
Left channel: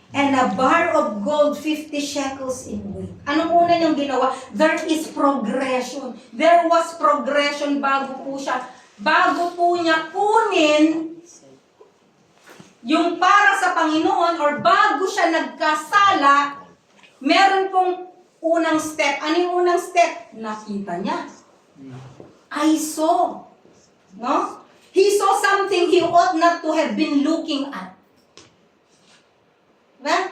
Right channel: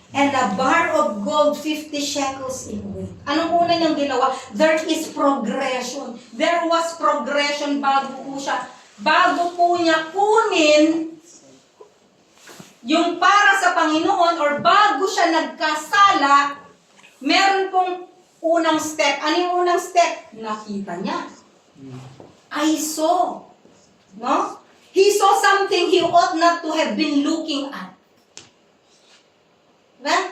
and a bar of gold 50 shekels in weight. Anong una niyang ginawa? There is progression. There was progression bago po niya kunin yung para sa Panginoon or bago siya nagkasala, meron pong unang step. Ano yung unang step? Nakita niya. I saw. No? He saw something he ought not to have been looking at. Diba?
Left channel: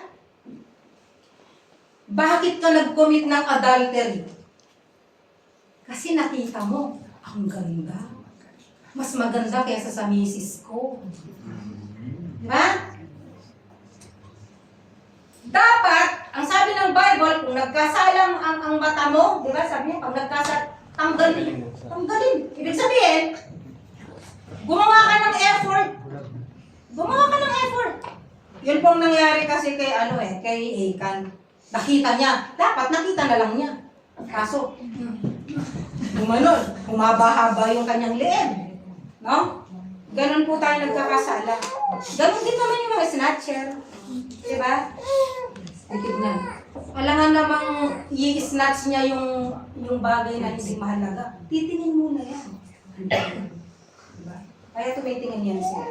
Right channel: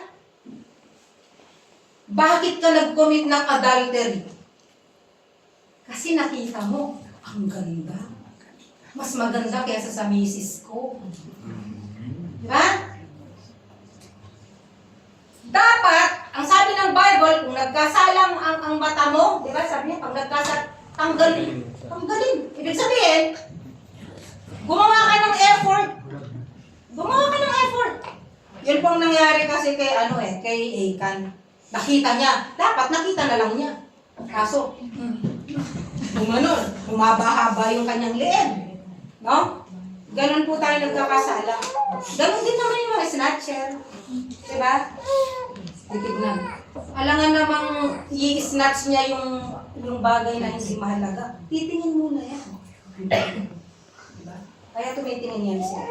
Bakit ka nag-commit ng adultery? Kasi nakita mo, ang ganda. Mas maganda kaysa sa misis ko. Diba? Dapat, ang sabi ng Bible, kung nagkasalang ang mata mo, diba? Sabi niya, pag tanggalin. Ibig sabihin, gumawa ka ng effort. Yun pong nangyari kasi kay kay Achan. Nakita niya. Dapat nakita na lang niya. Kaso, gumanon. Humaba-haba yung kanyang leeg. No? Ganon po tayo nagkakasala. Ganon din naman yung mga snatcher. Diba? Titignan. Alangan namang i-snatch niya yung bagay na hindi mahalaga. Titingin muna yan. Diba? Kaya tumitingin yan siya.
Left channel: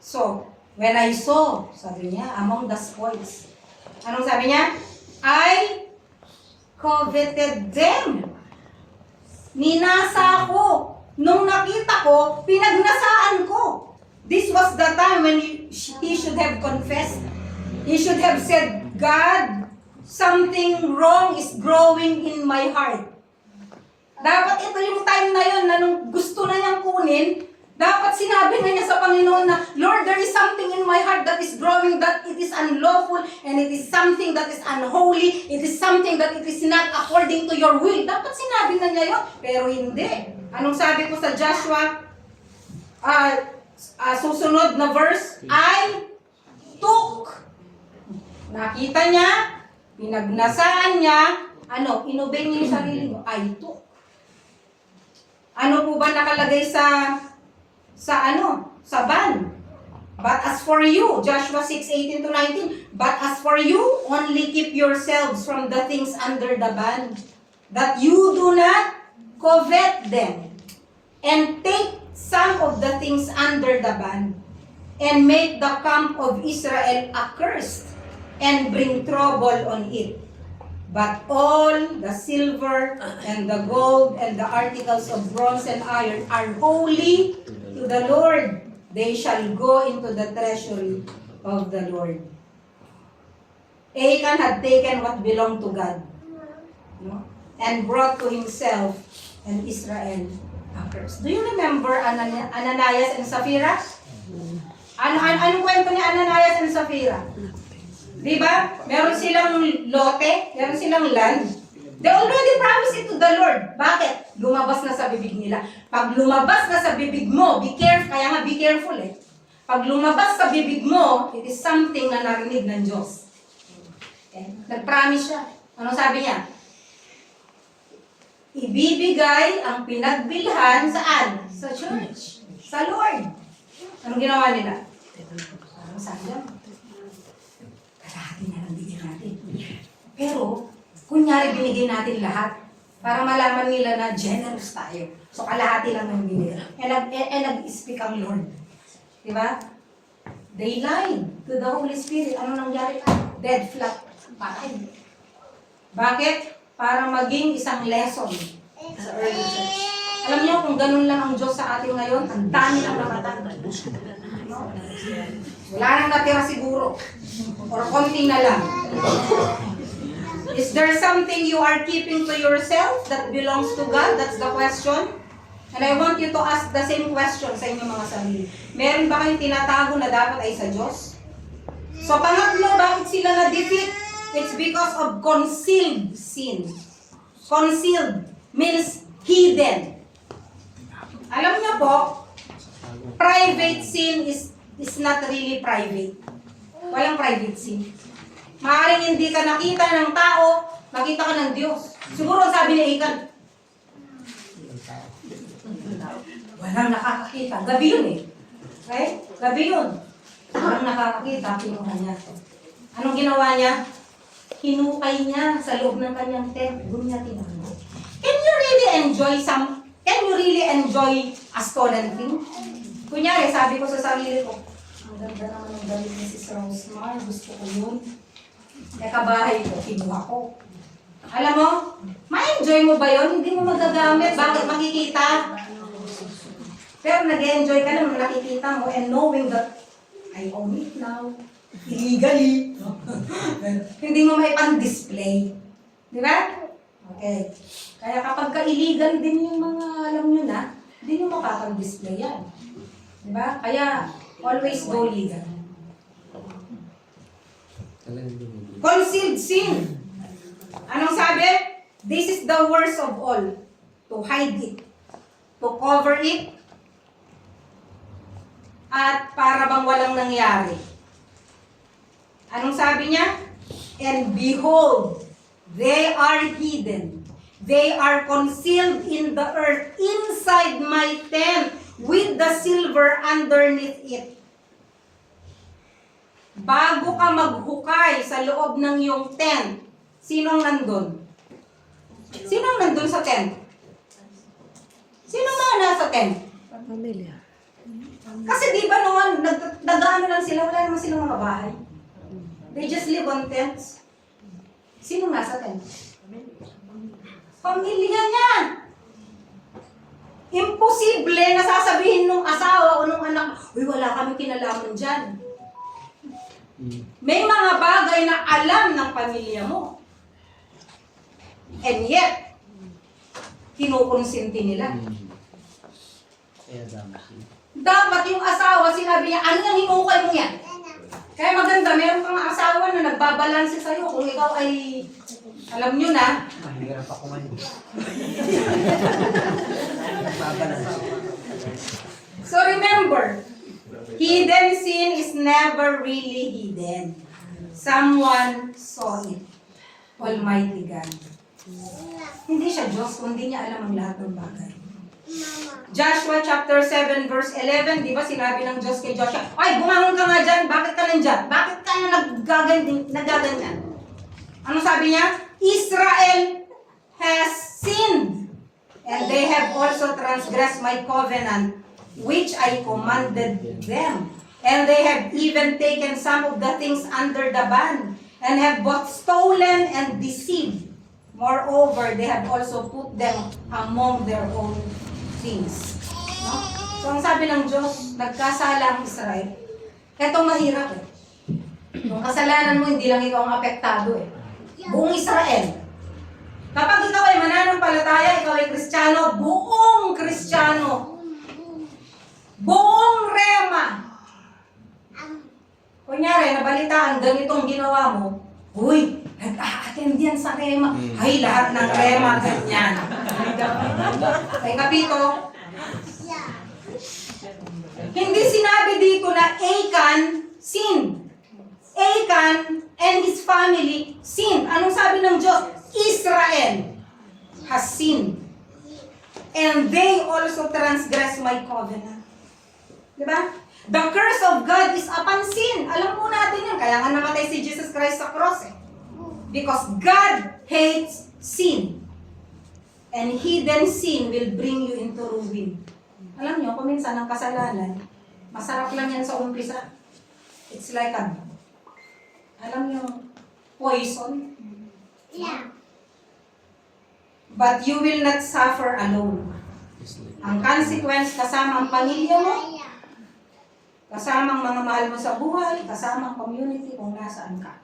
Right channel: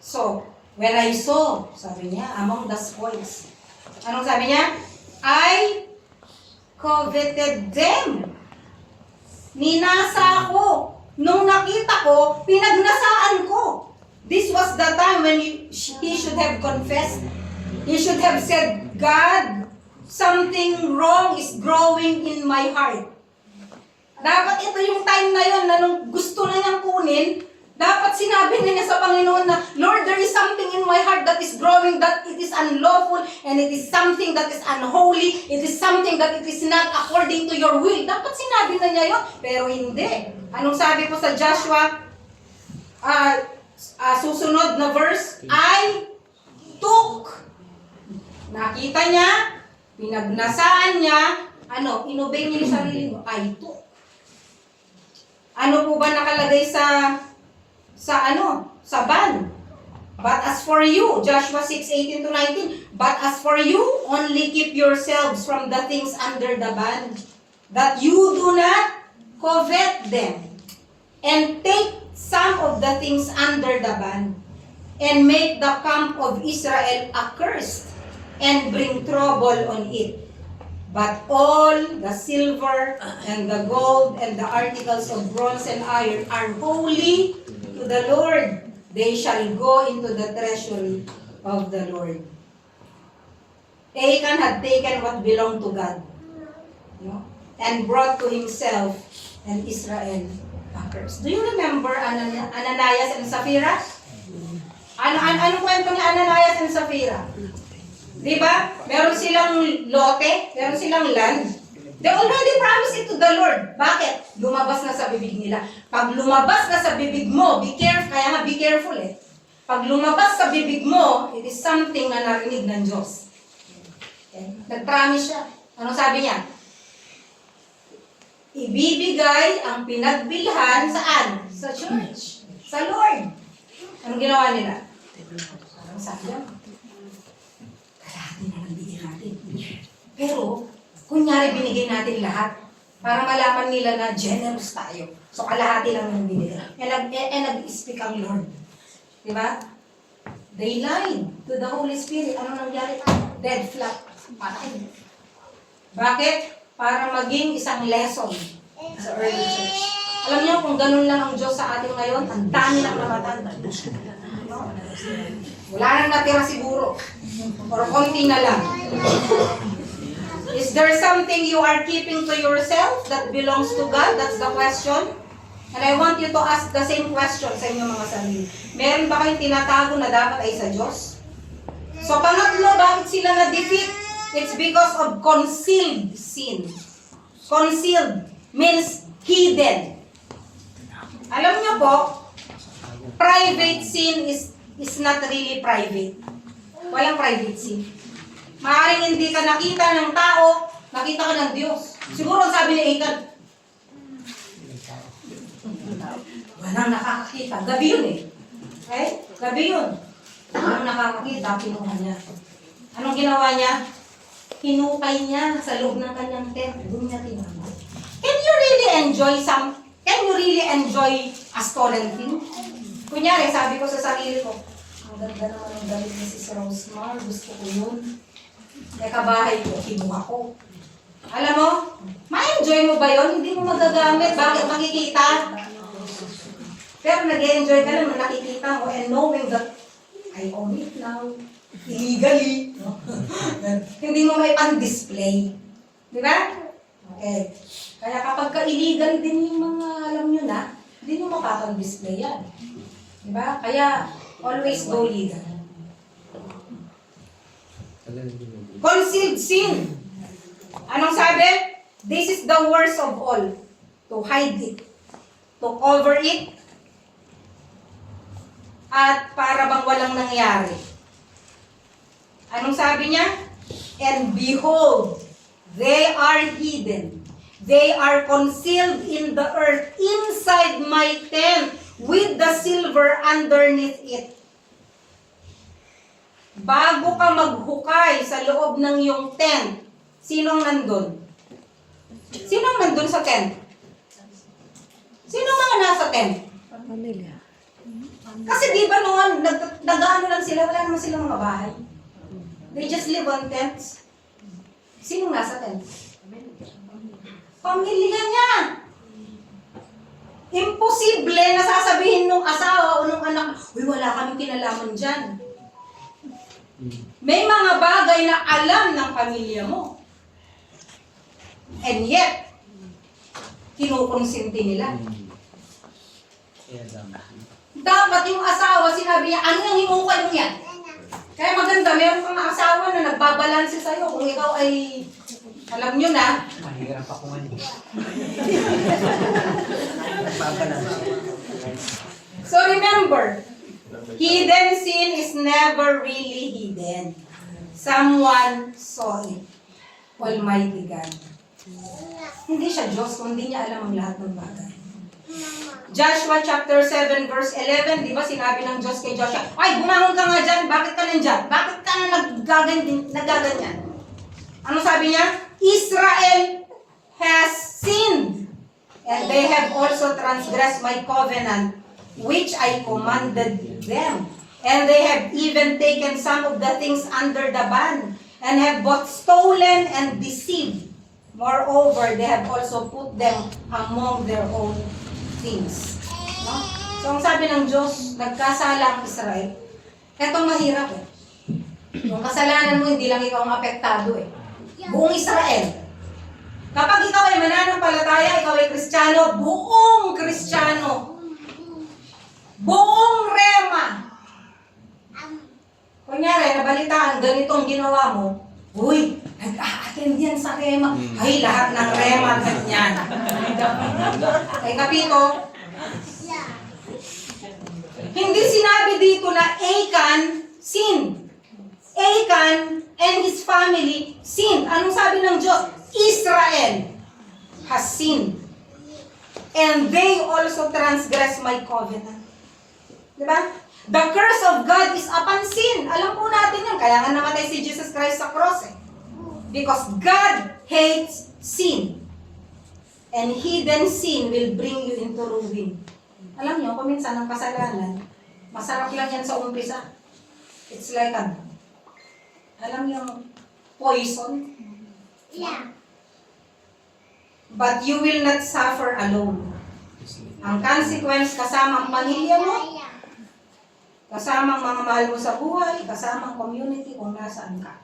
So, when I saw, sabi niya, among the spoils. Anong sabi niya? I coveted them. Ninasa ako. Nung nakita ko, pinagnasaan ko. This was the time when he should have confessed. He should have said, God, something wrong is growing in my heart. Dapat ito yung time na yun na nung gusto na niyang kunin, dapat sinabi na niya sa Panginoon na, Lord, there is something in my heart that is growing, that it is unlawful, and it is something that is unholy, it is something that it is not according to your will. Dapat sinabi na niya yun, pero hindi. Anong sabi ko sa Joshua? Susunod na verse, I took. Nakita niya, pinagnasaan niya, inobey niya yung sarili mo, I took. Ano po ba nakalagay sa ban? But as for you, Joshua 6:18 to 19, but as for you, only keep yourselves from the things under the ban, that you do not covet them, and take some of the things under the ban, and make the camp of Israel accursed, and bring trouble on it. But all the silver and the gold and the articles of bronze and iron are holy to the Lord. They shall go into the treasury of the Lord. Achan had taken what belonged to God, and brought to himself and Israel a curse. Do you remember Ananias and Sapphira? Anong kwento ni Ananias and Sapphira? Diba? Meron silang lote, meron silang land. They already promised it to the Lord. Bakit? Lumabas na sa bibig nila. Pag lumabas na sa bibig mo, be careful, kaya nga be careful eh. Pag lumabas sa bibig mo, it is something na narinig ng Diyos. Okay? Nag-promise siya. Anong sabi niya? Ibibigay ang pinagbilhan saan? Sa church. Sa Lord. Anong ginawa nila? Anong sabi niya? Kalahati na lang bigyan natin. Pero, kunyari binigay natin lahat para malaman nila na generous tayo. So, kalahati lang ng binigay. Nag-speak ang Lord. Diba? They lied to the Holy Spirit. Ano nangyari? Dead flat. Bakit? Para maging isang lesson sa early church. Alam niyo, kung ganun lang ang Diyos sa atin ngayon, ang dami lang namatanda. Wala nang natira siguro. Or konti na lang. Is there something you are keeping to yourself that belongs to God? That's the question. And I want you to ask the same question sa inyong mga sarili. Meron ba kayong tinatago na dapat ay sa Diyos? So pangatlo, bakit sila na-defeat? It's because of concealed sin. Concealed means hidden. Alam niyo po, private sin is not really private. Walang private sin. Maaaring hindi ka nakita ng tao, nakita ka ng Diyos. Siguro sabi ni Achan, walang nakakakita. Gabi yun eh. Okay? Gabi yun. Walang nakakakita, kinuha niya. Anong ginawa niya? Hinukay niya sa loob ng kanyang tent. Doon niya tinama. Can you really enjoy a stolen thing? Kunyari, sabi ko sa sarili ko, ang ganda naman ng damit ni Sis Rosemar, gusto ko yun. Kaya kabahay ko, kinuha ko. Alam mo, ma-enjoy mo ba yun? Hindi mo magagamit. Bakit makikita? Pero nag-enjoy ka lang na nakikita mo and knowing that I own it now. Illegally. Hindi mo may pan-display. Di ba? Okay. Kaya kapag ka-illegal din yung mga alam nyo na, hindi nyo makapan-display yan. Di ba? Kaya always go legal. Concealed sin. Anong sabi? This is the worst of all. To hide it. To cover it. At para bang walang nangyari. Anong sabi niya? And behold, they are hidden. They are concealed in the earth inside my tent with the silver underneath it. Bago ka maghukay sa loob ng iyong tent, sinong nandun? Sinong nandun sa tent? Sinong mga nasa tent? Pamilya. Kasi di ba nung nag-ano lang sila, wala naman silang mga bahay. They just live on tents. Sinong nasa tent? Pamilya niya. Imposible na sasabihin nung asawa o nung anak, uy, wala kami kinalaman dyan. May mga bagay na alam ng pamilya mo. And yet, kinukonsinti nila. Dapat yung asawa, sinabi niya, ano yung hinukay mo yan? Kaya maganda, meron kang asawa na nagbabalanse sa'yo. Kung ikaw ay, alam nyo na. Mahirap ako ngayon. Nagbabalanse. So remember, hidden sin is never really hidden. Someone saw it. Almighty God. Hindi siya Diyos, kundi niya alam ang lahat ng bagay. Joshua chapter 7 verse 11, di ba sinabi ng Diyos kay Joshua, ay, bumangon ka nga dyan, bakit ka nandyan? Bakit ka na nagaganyan? Ano sabi niya? Israel has sinned, and they have also transgressed my covenant, which I commanded them. And they have even taken some of the things under the ban, and have both stolen and deceived. Moreover, they have also put them among their own things. No? So, ang sabi ng Diyos, nagkasala ang Israel. Etong mahirap eh. Yung kasalanan mo, hindi lang ikaw ang apektado eh. Buong Israel. Kapag ikaw ay mananampalataya, ikaw ay Kristiyano, buong Kristiyano. Buong Rema. Kunyari, nabalitaan, ganitong ginawa mo, uy, nag-a-attend yan sa Rema. Ay, lahat ng Rema, ganyan. Kay Kapito, hindi sinabi dito na Achan sin. Achan and his family sin. Anong sabi ng Diyos? Israel has sinned. And they also transgress my covenant. Diba? The curse of God is upon sin. Alam po natin yan. Kaya nga namatay si Jesus Christ sa cross eh. Because God hates sin. And hidden sin will bring you into ruin. Alam nyo, paminsan ang kasalanan, masarap lang yan sa umpisa. It's like alam nyo, poison. Yeah. But you will not suffer alone. Ang consequence kasama ang pamilya mo, kasama ang mga mahal mo sa buhay, kasama ang community kung nasaan ka.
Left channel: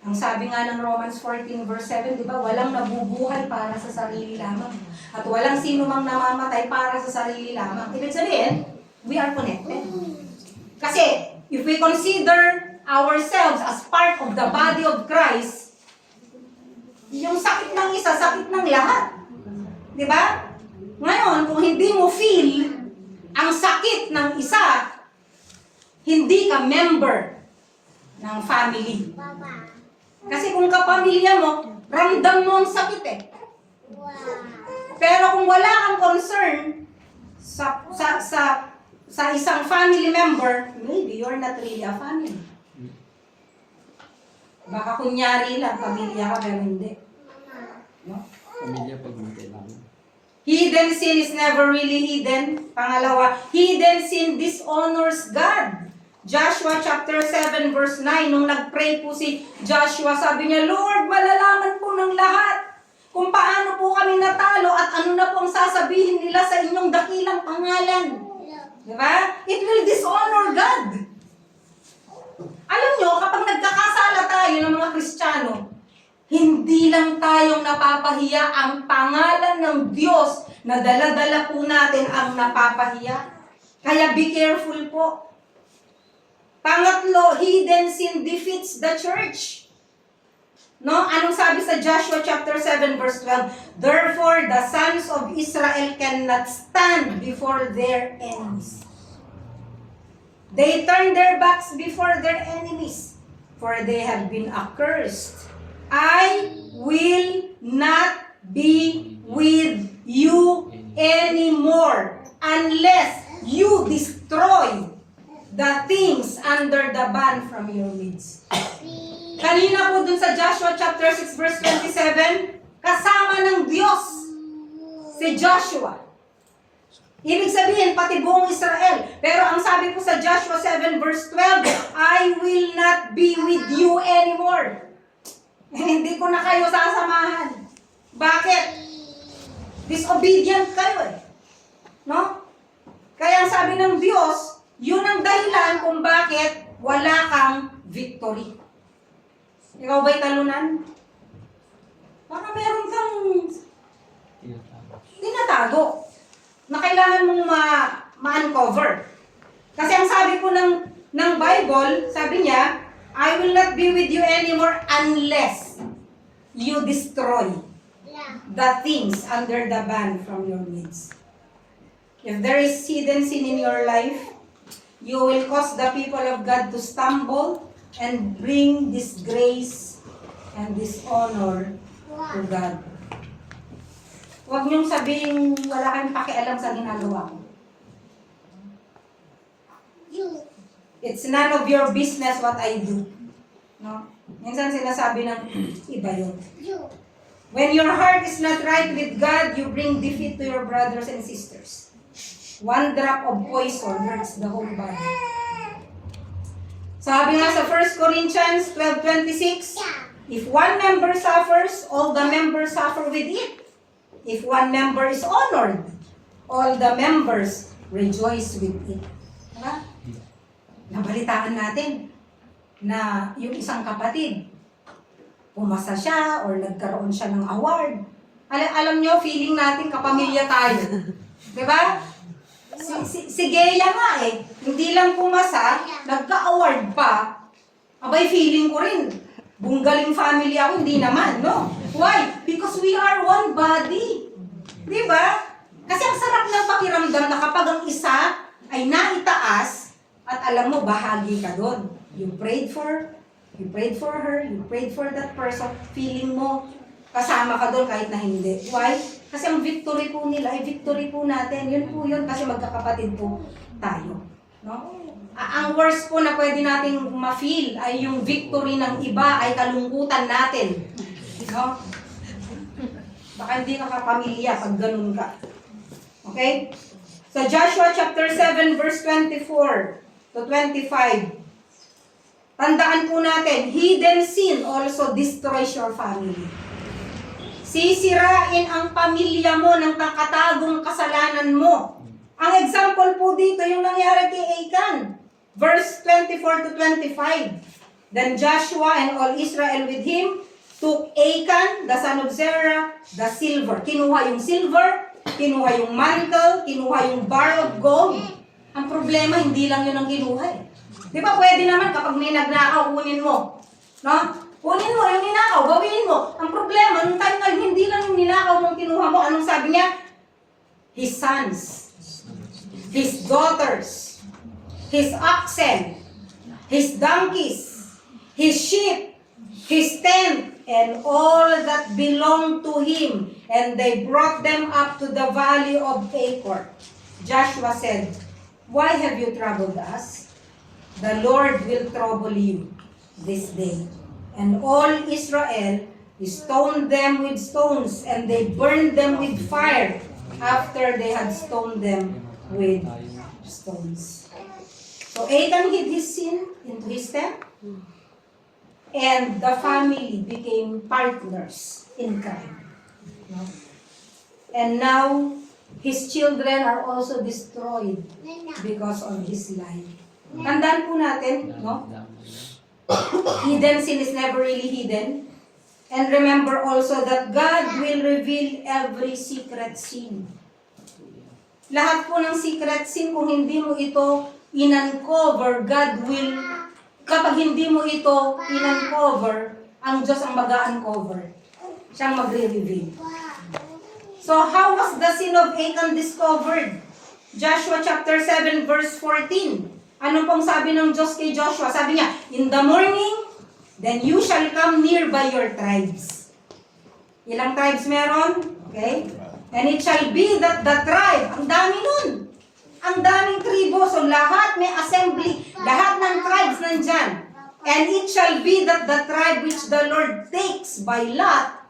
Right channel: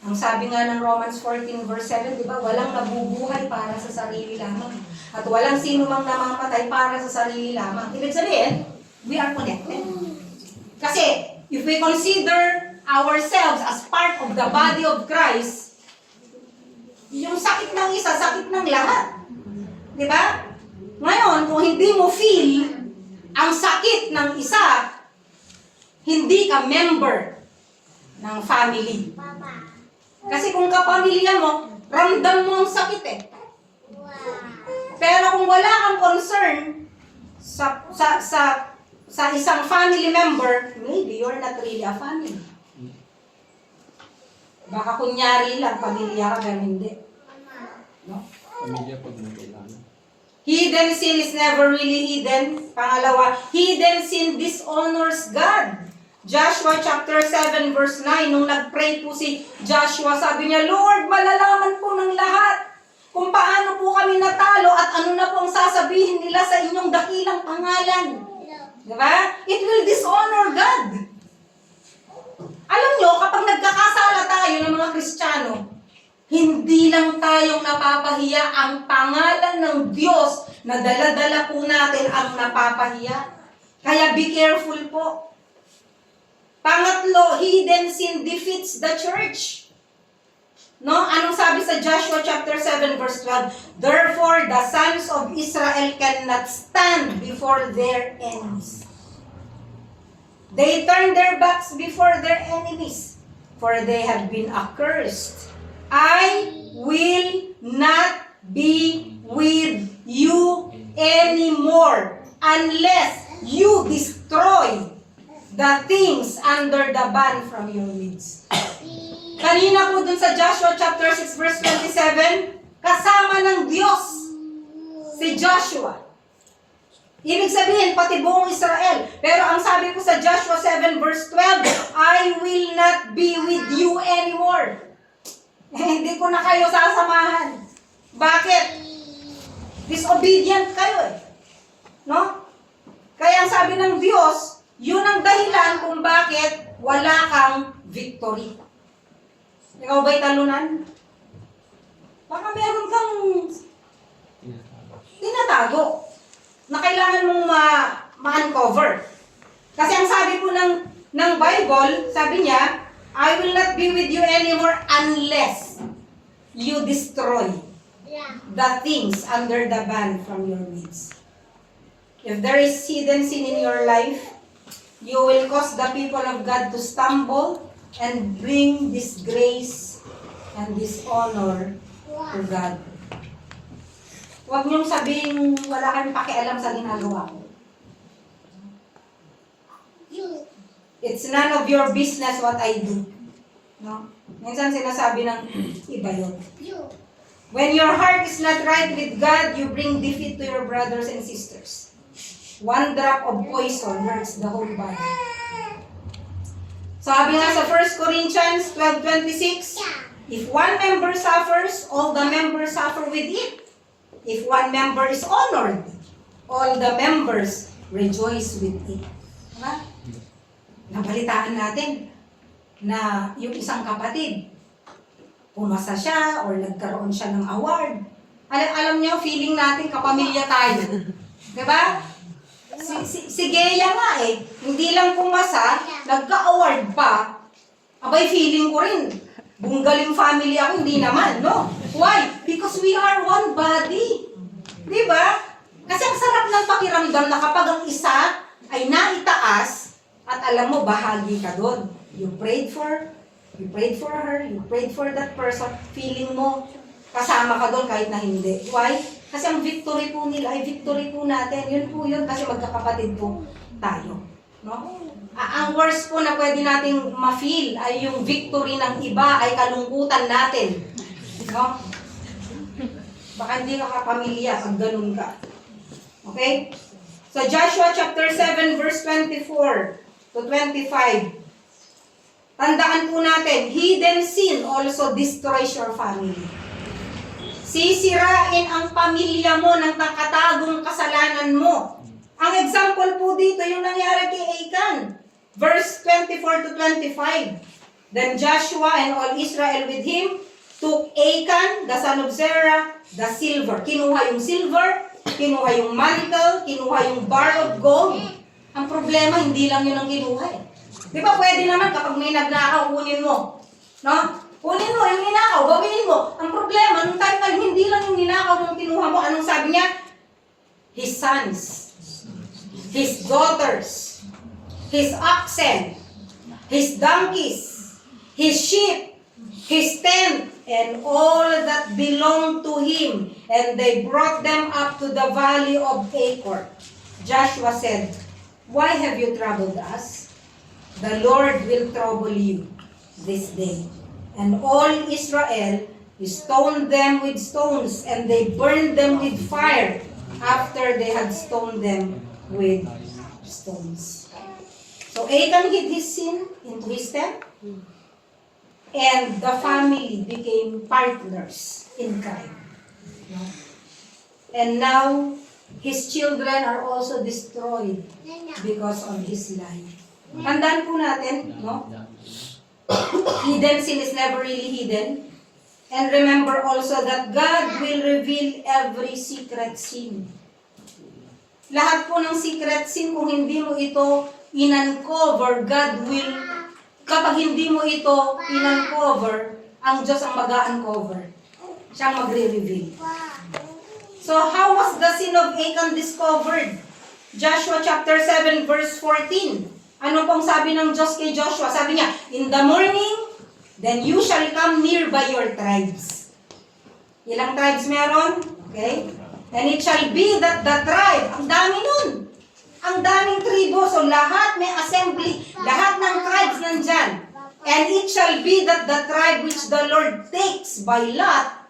Ang sabi nga ng Romans 14 verse 7, di ba, walang nabubuhay para sa sarili lamang. At walang sino mang namamatay para sa sarili lamang. Ibig sabihin, we are connected. Kasi, if we consider ourselves as part of the body of Christ, yung sakit ng isa, sakit ng lahat. Di ba? Ngayon, kung hindi mo feel ang sakit ng isa, hindi ka member ng family. Mama. Kasi kung kapamilya mo, ramdam mo ang sakit eh. Wow. Pero kung wala kang concern sa isang family member, maybe you're not really a family. Baka kunyari lang, pamilya ka, pero hindi. No? Pamilya pag may kailangan. Hidden sin is never really hidden. Pangalawa, hidden sin dishonors God. Joshua chapter 7 verse 9, nung nag-pray po si Joshua, sabi niya, Lord, malalaman po ng lahat kung paano po kami natalo at ano na po ang sasabihin nila sa inyong dakilang pangalan. Diba? It will dishonor God. Alam nyo, kapag nagkakasala tayo ng mga Kristiyano, hindi lang tayong napapahiya, ang pangalan ng Diyos na dala-dala po natin ang napapahiya. Kaya be careful po. Pangatlo, hidden sin defeats the church. No? Anong sabi sa Joshua chapter 7 verse 12? Therefore, the sons of Israel cannot stand before their enemies. They turn their backs before their enemies. for they have been accursed. I will not be with you anymore unless you destroy the things under the ban from your midst. Kanina po dun sa Joshua chapter 6 verse 27, kasama ng Diyos si Joshua. Ibig sabihin, pati buong Israel. Pero ang sabi po sa Joshua 7 verse 12, I will not be with you anymore. Hindi ko na kayo sasamahan. Bakit? Disobedient kayo eh. No? Kaya ang sabi ng Diyos, yun ang dahilan kung bakit wala kang victory. Ikaw ba'y talunan? Baka meron kang tinatago na kailangan mong ma-uncover. Kasi ang sabi po ng Bible, sabi niya, I will not be with you anymore unless you destroy the things under the ban from your midst. If there is hidden sin in your life, you will cause the people of God to stumble and bring disgrace and dishonor to God. Huwag niyong sabihin wala kayong pakialam sa ginagawa ko. It's none of your business what I do. No? Minsan sinasabi ng iba yun. When your heart is not right with God, you bring defeat to your brothers and sisters. One drop of poison hurts the whole body. Sabi nga sa 1 Corinthians 12:26, if one member suffers, all the members suffer with it. If one member is honored, all the members rejoice with it. Diba? Nabalitaan natin na yung isang kapatid, pumasa siya or nagkaroon siya ng award. Alam nyo, feeling natin kapamilya tayo. Diba? Si Gea nga eh, hindi lang pumasa, nagka-award pa. Abay, feeling ko rin, bunggaling family ako, hindi naman, no? Why? Because we are one body. Diba? Kasi ang sarap ng pakiramdam na kapag ang isa ay naitaas, at alam mo, bahagi ka doon. You prayed for her, you prayed for that person, feeling mo, kasama ka doon kahit na hindi. Why? Kasi ang victory po nila ay victory po natin. Yun po yun kasi magkakapatid po tayo. No? Ang worst po na pwede nating ma-feel ay yung victory ng iba ay kalungkutan natin. No? Baka hindi ka kapamilya pag ganun ka. Okay? Sa Joshua chapter 7 verse 24 to 25, tandaan po natin, hidden sin also destroys your family. Sisirain ang pamilya mo ng nakatagong kasalanan mo. Ang example po dito, yung nangyari kay Achan. Verse 24 to 25. Then Joshua and all Israel with him took Achan, the son of Zerah, the silver. Kinuha yung silver, kinuha yung mantle, kinuha yung bar of gold. Ang problema, hindi lang yun ang kinuha eh. Di ba pwede naman kapag may nagnakaw, kunin mo. No? Kunin mo yung ninakaw, bawiin mo. Ang problema, nung time na hindi lang yung ninakaw mong kinuha mo, anong sabi niya? His sons, his daughters, his oxen, his donkeys, his sheep, his tent, and all that belonged to him. And they brought them up to the valley of Achor. Joshua said, why have you troubled us? The Lord will trouble you this day. And all Israel stoned them with stones, and they burned them with fire after they had stoned them with stones. So Achan hid his sin into his tent, and the family became partners in crime. And now, his children are also destroyed because of his lie. Tandaan po natin, no? Hidden sin is never really hidden. And remember also that God will reveal every secret sin. Lahat po ng secret sin, kung hindi mo ito in-uncover, God will, kapag hindi mo ito in-uncover, ang Diyos ang mag-uncover. Siyang magre-reveal. So how was the sin of Achan discovered? Joshua chapter 7 verse 14. Ano pong sabi ng Diyos kay Joshua? Sabi niya, in the morning, Then you shall come near by your tribes. Ilang tribes meron? Okay? And it shall be that the tribe, ang dami nun. Ang daming tribo. So lahat may assembly. Lahat ng tribes nandyan. And it shall be that the tribe which the Lord takes by lot,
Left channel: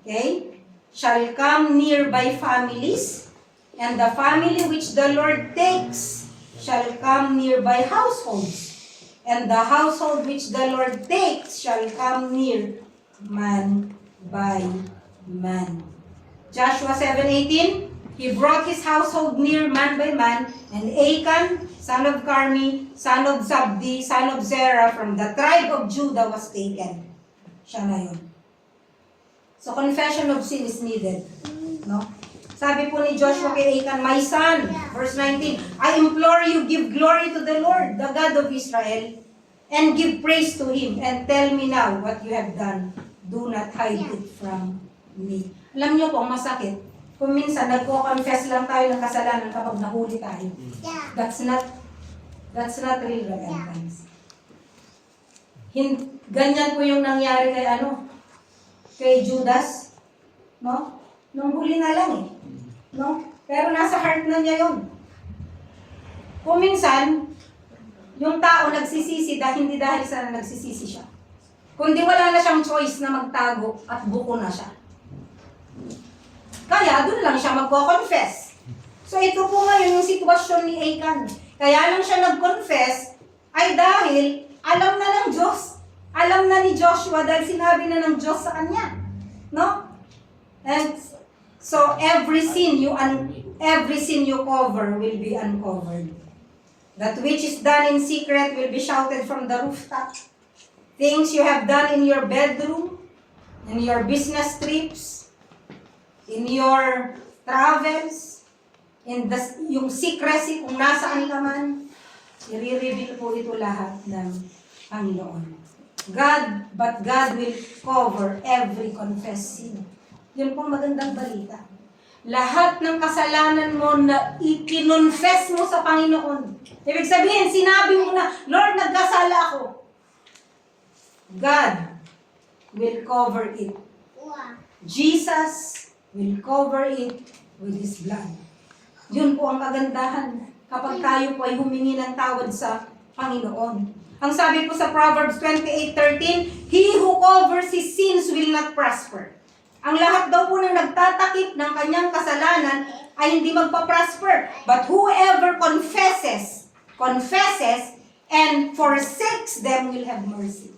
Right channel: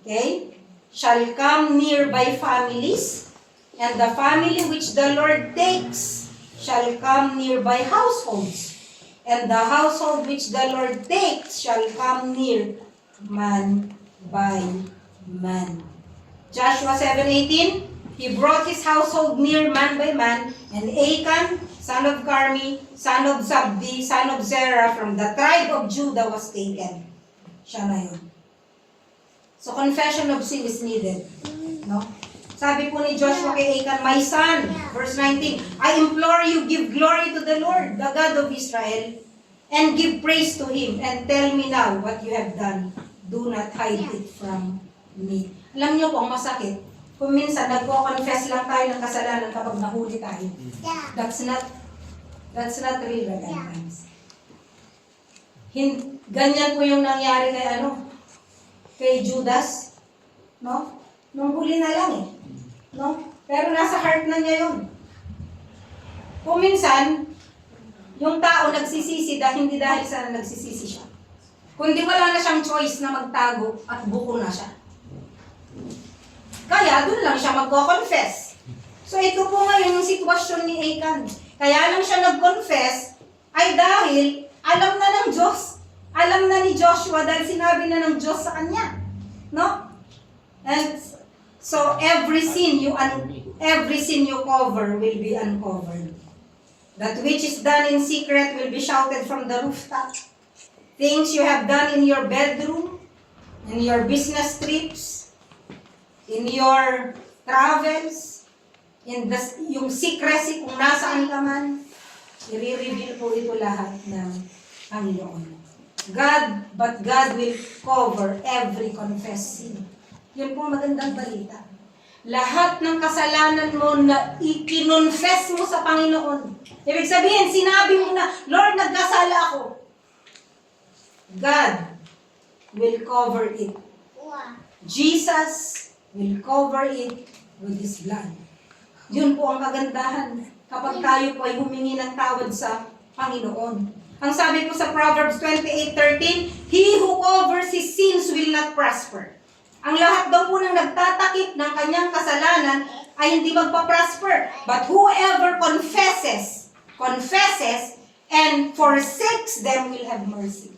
okay, shall come near by families. And the family which the Lord takes shall come near by households. And the household which the Lord takes shall come near man by man. Joshua 7:18, he brought his household near man by man, and Achan, son of Carmi, son of Zabdi, son of Zerah, from the tribe of Judah was taken. Siya na yun. So confession of sin is needed. No? Sabi po ni Joshua kay Achan, my son, verse 19, I implore you, give glory to the Lord, the God of Israel, and give praise to Him, and tell me now what you have done. Do not hide it from me. Alam niyo po, ang masakit, kung minsan nagko-confess lang tayo ng kasalanan kapag nahuli tayo. That's not real repentance. Ganyan po yung nangyari kay Judas, no? Nung huli na lang eh. No? Pero nasa heart na niya yun. Kung minsan, yung tao nagsisisi hindi dahil sa nagsisisi siya. Kundi wala na siyang choice na magtago at buko na siya. Kaya doon lang siya magko-confess. So ito po ngayon yung sitwasyon ni Achan. Kaya lang siya nag-confess ay dahil alam na ng Diyos. Alam na ni Joshua dahil sinabi na ng Diyos sa kanya. No? And so every sin you cover will be uncovered. That which is done in secret will be shouted from the rooftop. Things you have done in your bedroom, in your business trips, in your travels, yung secrecy kung nasaan ka man, i-reveal po ito lahat ng Panginoon. But God will cover every confessed sin. Yun pong magandang balita. Lahat ng kasalanan mo na ikinonfess mo sa Panginoon. Ibig sabihin, sinabi mo na, Lord, nagkasala ako. God will cover it. Jesus will cover it with His blood. Yun po ang kagandahan kapag tayo po ay humingi ng tawad sa Panginoon. Ang sabi po sa Proverbs 28:13, He who covers his sins will not prosper. Ang lahat daw po ng nagtatakip ng kanyang kasalanan ay hindi magpa-prosper. But whoever confesses and forsakes them will have mercy.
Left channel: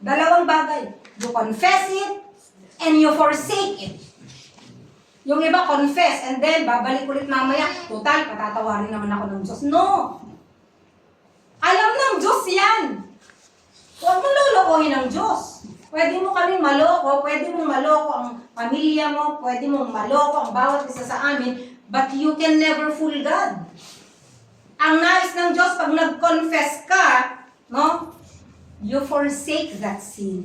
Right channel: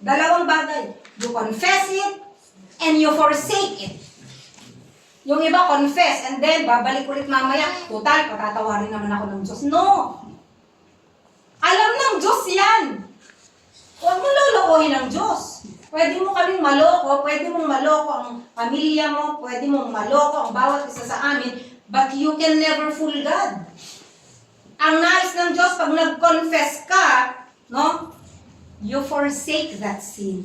Dalawang bagay. You confess it and you forsake it. Yung iba confess and then babalik ulit mamaya. Total, patatawarin naman ako ng Diyos. No! Alam ng Diyos yan. Huwag mo lolokohin ng Diyos. Pwede mo kaming maloko, pwede mong maloko ang pamilya mo, pwede mong maloko ang bawat isa sa amin, but you can never fool God. Ang nais ng Diyos, pag nag-confess ka, no, you forsake that sin.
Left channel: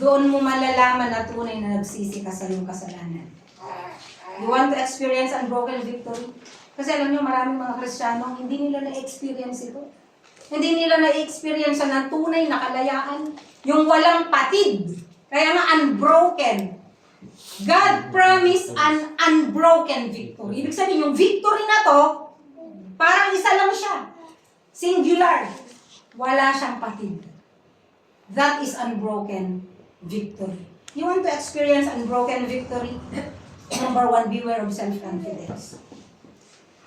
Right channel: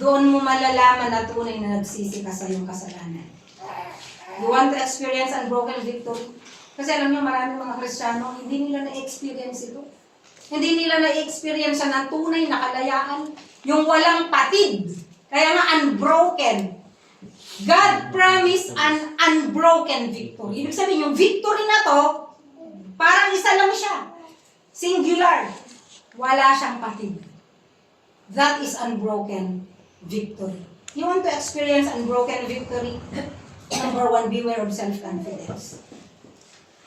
Doon mo malalaman na tunay na nagsisi ka sa iyong kasalanan. You want to experience unbroken victory? Kasi alam niyo, maraming mga Kristiyano, hindi nila na-experience ito. Hindi nila na-experience na tunay na kalayaan. Yung walang patid. Kaya nga unbroken. God promised an unbroken victory. Ibig sabihin, yung victory na to, parang isa lang siya. Singular. Wala siyang patid. That is unbroken victory. You want to experience unbroken victory? Number 1, beware of self-confidence.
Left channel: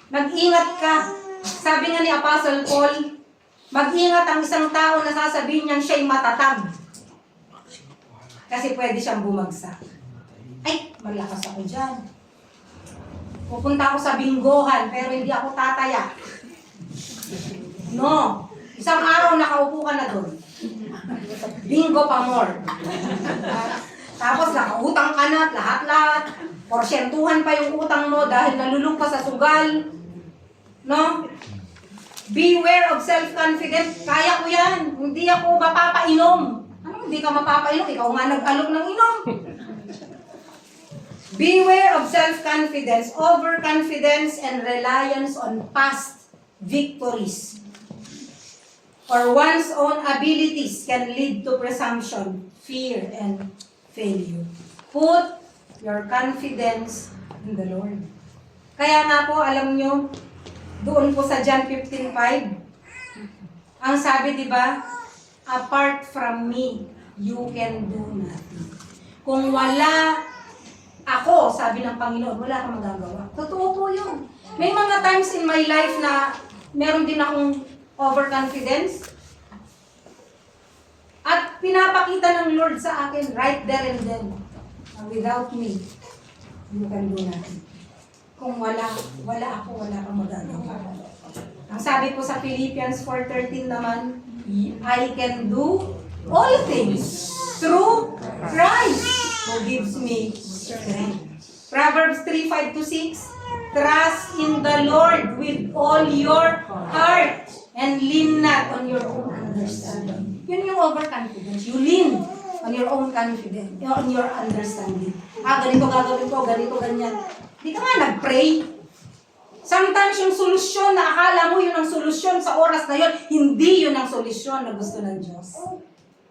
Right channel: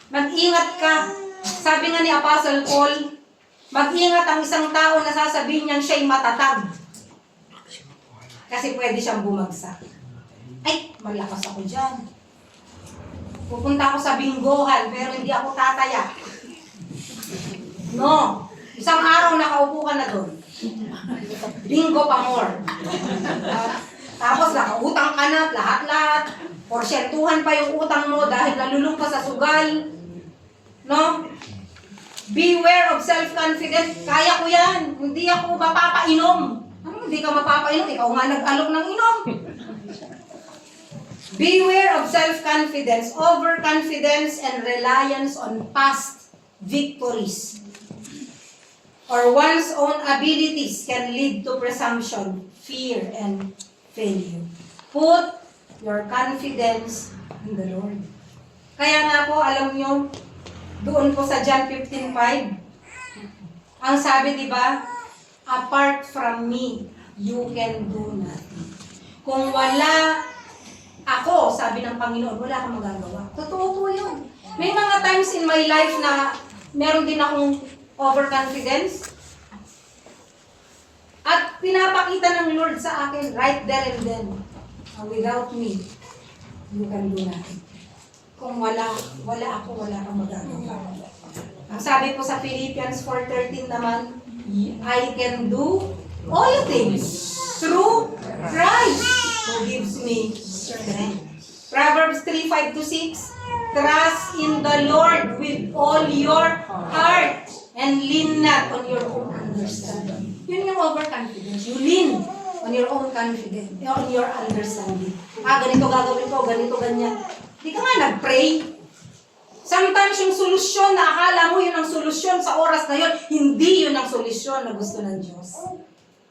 Mag-ingat ka. Sabi nga ni Apostle Paul, mag-ingat ang isang tao na sasabihin niyang siya'y matatag. Kasi pwede siyang bumagsak. Ay, malakas ako dyan. Pupunta ako sa binggohan, pero hindi ako tataya. No. Isang araw nakaupo ka na doon. Bingo pa more. Tapos nakautang ka na, lahat-lahat. Porsyentuhan pa yung utang mo dahil nalulung ka sa sugal. No? Beware of self-confidence. Kaya ko yan. Hindi ako mapapainom. Ano, hindi ka mapapainom? Ikaw nga nag-alok ng inom. Beware of self-confidence, overconfidence, and reliance on past victories. or one's own abilities can lead to presumption, fear, and failure. Put your confidence in the Lord. Kaya nga po, alam nyo, doon po sa John 15:5, ang sabi, di ba, apart from me, you can do nothing. Kung wala ako, sabi ng Panginoon, wala kang magagawa. Totoo po yun. May mga times in my life na meron din akong overconfidence. At pinapakita ng Lord sa akin, right there and then, without me, you can do nothing. Kung wala ako, wala kang magagawa. Ang sabi po sa Philippians 4:13 naman, I can do all things through Christ who gives me strength. Proverbs 3:5-6, trust in the Lord with all your heart and lean not on your own understanding. Yun yung overconfidence. You lean on your own confidence, on your understanding. Ganito gagawin ko, ganito, ganyan. Di ka nga nag-pray. Sometimes yung solusyon na akala mo yun ang solusyon sa oras na yun, hindi yun ang solusyon na gusto ng Diyos.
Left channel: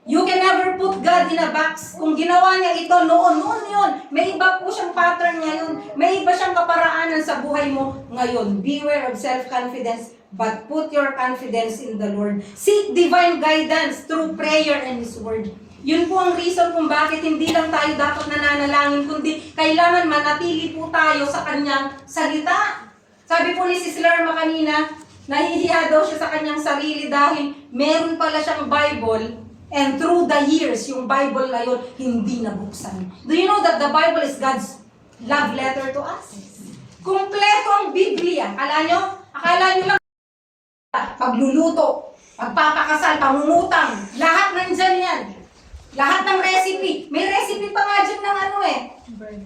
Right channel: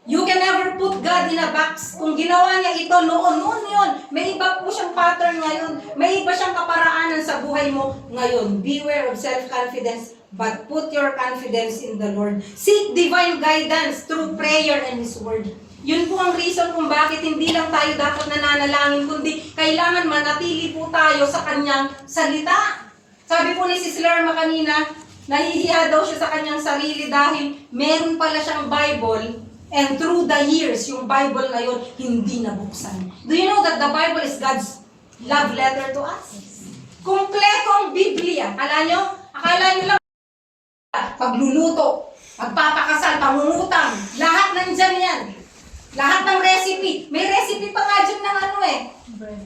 You can never put God in a box. Kung ginawa niya ito noon yun. May iba po siyang pattern ngayon. May iba siyang kaparaanan sa buhay mo ngayon. Beware of self-confidence, but put your confidence in the Lord. Seek divine guidance through prayer and His Word. Yun po ang reason kung bakit hindi lang tayo dapat nananalangin, kundi kailangan manatili po tayo sa Kanyang salita. Sabi po ni Sis Lerma kanina, nahihiya daw siya sa kanyang sarili dahil meron pala siyang Bible, and through the years, yung Bible na yun, hindi nabuksan. Do you know that the Bible is God's love letter to us? Kumpleto ang Biblia. Akala nyo lang, pagluluto, pagpapakasal, pangungutang, lahat nandyan yan. Lahat ng recipe. May recipe pa nga dyan ng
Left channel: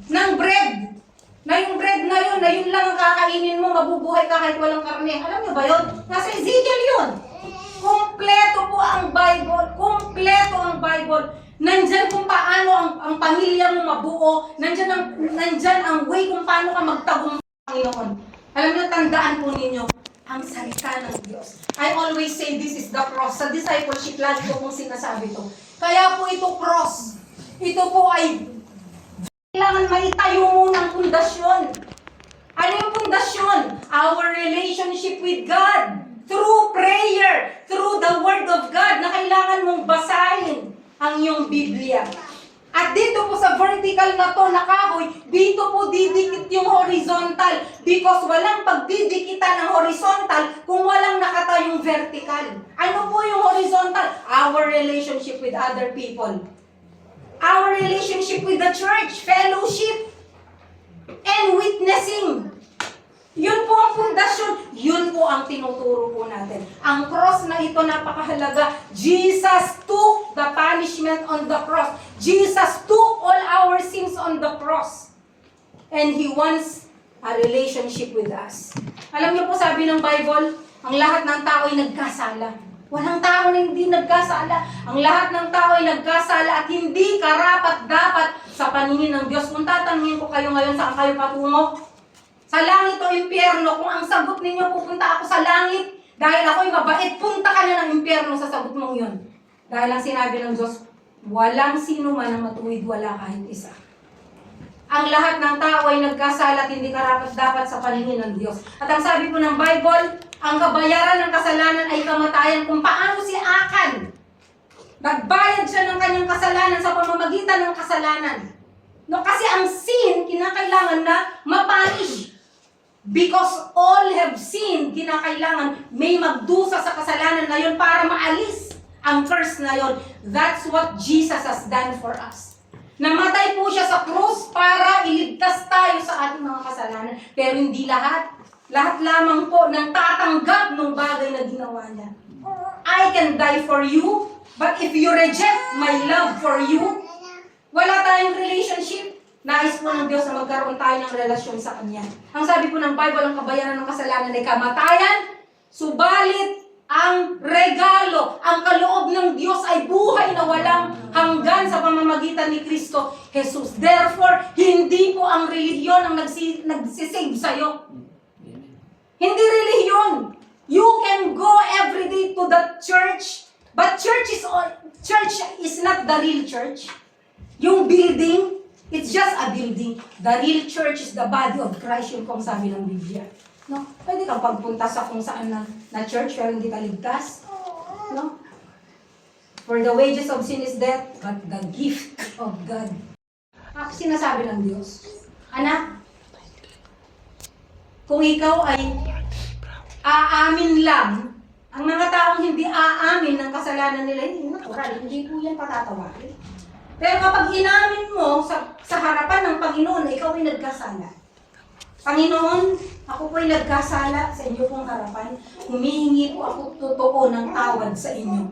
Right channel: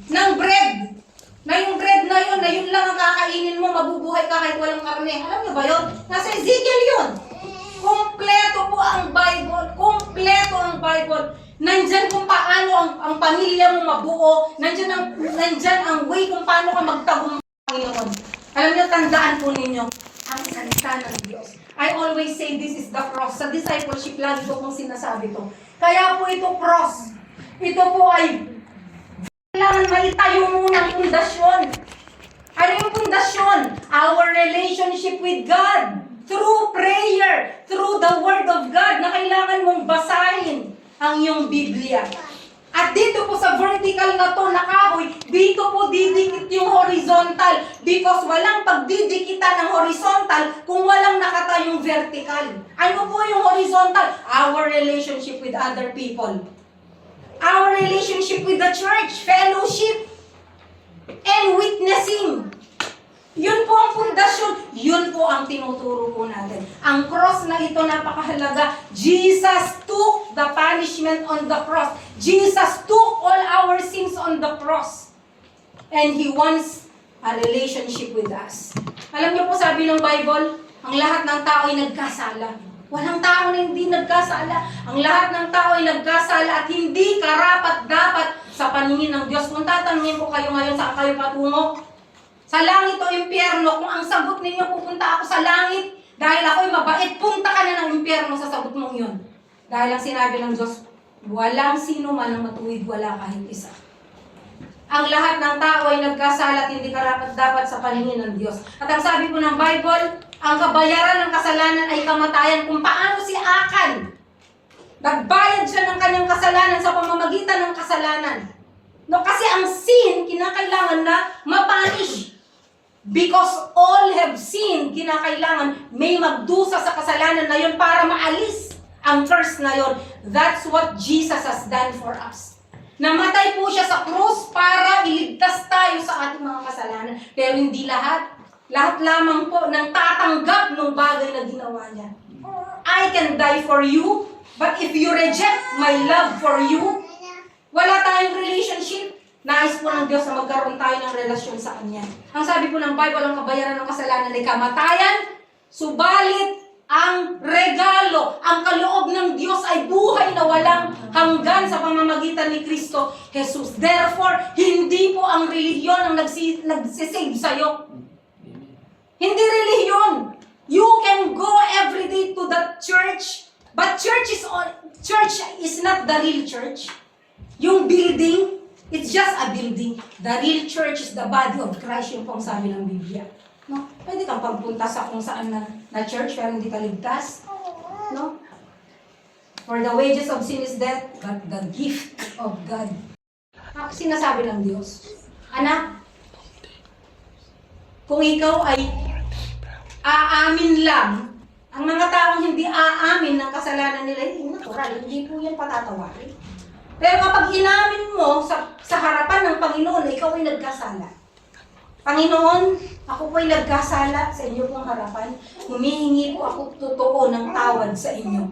ng bread. Na yung bread na yun lang ang kakainin mo, mabubuhay ka kahit walang karne. Alam niyo ba yun? Nasa Ezekiel yun. Kumpleto po ang Bible. Kumpleto ang Bible. Nandyan kung paano ang pamilya mo mabuo. Nandyan ang way kung paano ka magtagumpay ngayon. Alam niyo, tandaan po ninyo, ang salita ng Diyos. I always say this is the cross. Sa discipleship, lagi ko pong sinasabi to. Kaya po ito cross. Ito po ay kailangan maitayo muna ang pundasyon. Ano yung pundasyon? Our relationship with God. Through prayer, through the Word of God, na kailangan mong basahin ang iyong Biblia. At dito po sa vertical na to, na kahoy, dito po didikit yung horizontal. Because walang pagdidikitan ng horizontal kung walang nakatayong vertical. Ano po yung horizontal? Our relationship with other people. Our relationship with the church, fellowship, and witnessing. Yun po ang pundasyon. Yun po ang tinuturo po natin. Ang cross na ito, napakahalaga. Jesus took the punishment on the cross. Jesus took all our sins on the cross. And He wants a relationship with us. Alam niyo po, sabi ng Bible, ang lahat ng tao ay nagkasala. Walang tao na hindi nagkasala. Ang lahat ng tao ay nagkasala at hindi karapat-dapat sa paningin ng Diyos. Kung tatanungin ko kayo ngayon, saan kayo patungo? Sa langit o impyerno, kung ang sagot ninyo, pupunta ako sa langit dahil ako'y mabait, punta ka na ng impyerno sa sagot mong yun. Dahil ang sinabi ng Diyos, walang sino man ang matuwid, wala kahit isa. Ang lahat ng tao ay nagkasala at hindi karapat-dapat sa paningin ng Diyos. At ang sabi po ng Bible, ang kabayaran ng kasalanan ay kamatayan. Kung paano si Akan, nagbayad siya ng kanyang kasalanan sa pamamagitan ng kasalanan. No, kasi ang sin, kinakailangan na mapunish. Because all have sinned, kinakailangan may magdusa sa kasalanan na yun para maalis ang curse na yun. That's what Jesus has done for us. Namatay po siya sa krus para iligtas tayo sa ating mga kasalanan. Pero hindi lahat. Lahat lamang po ng tatanggap ng bagay na ginawa niya. I can die for you, but if you reject my love for you, wala tayong relationship. Nais po ng Diyos na magkaroon tayo ng relasyon sa Kanya. Ang sabi po ng Bible, ang kabayaran ng kasalanan ay kamatayan, subalit ang regalo, ang kaloob ng Diyos ay buhay na walang hanggan sa pamamagitan ni Kristo Jesus. Therefore, hindi po ang relihiyon ang nagsisave sa'yo. Hindi relihiyon. You can go every day to the church, but church is not the real church. Yung building, it's just a building. The real church is the body of Christ, yung pong sabi ng Biblia. No? Pwede kang pagpunta sa kung saan na church pero hindi ka ligtas. No? For the wages of sin is death, but the gift of God. Sinasabi ng Diyos, anak, kung ikaw ay aamin lang, ang mga taong hindi aamin ng kasalanan nila, hindi natural, hindi po yan patatawarin. Pero kapag inamin mo sa harapan ng Panginoon na ikaw ay nagkasala, Panginoon, ako po ay nagkasala sa inyo pong harapan, humihingi po ako totoo ng tawad sa inyo.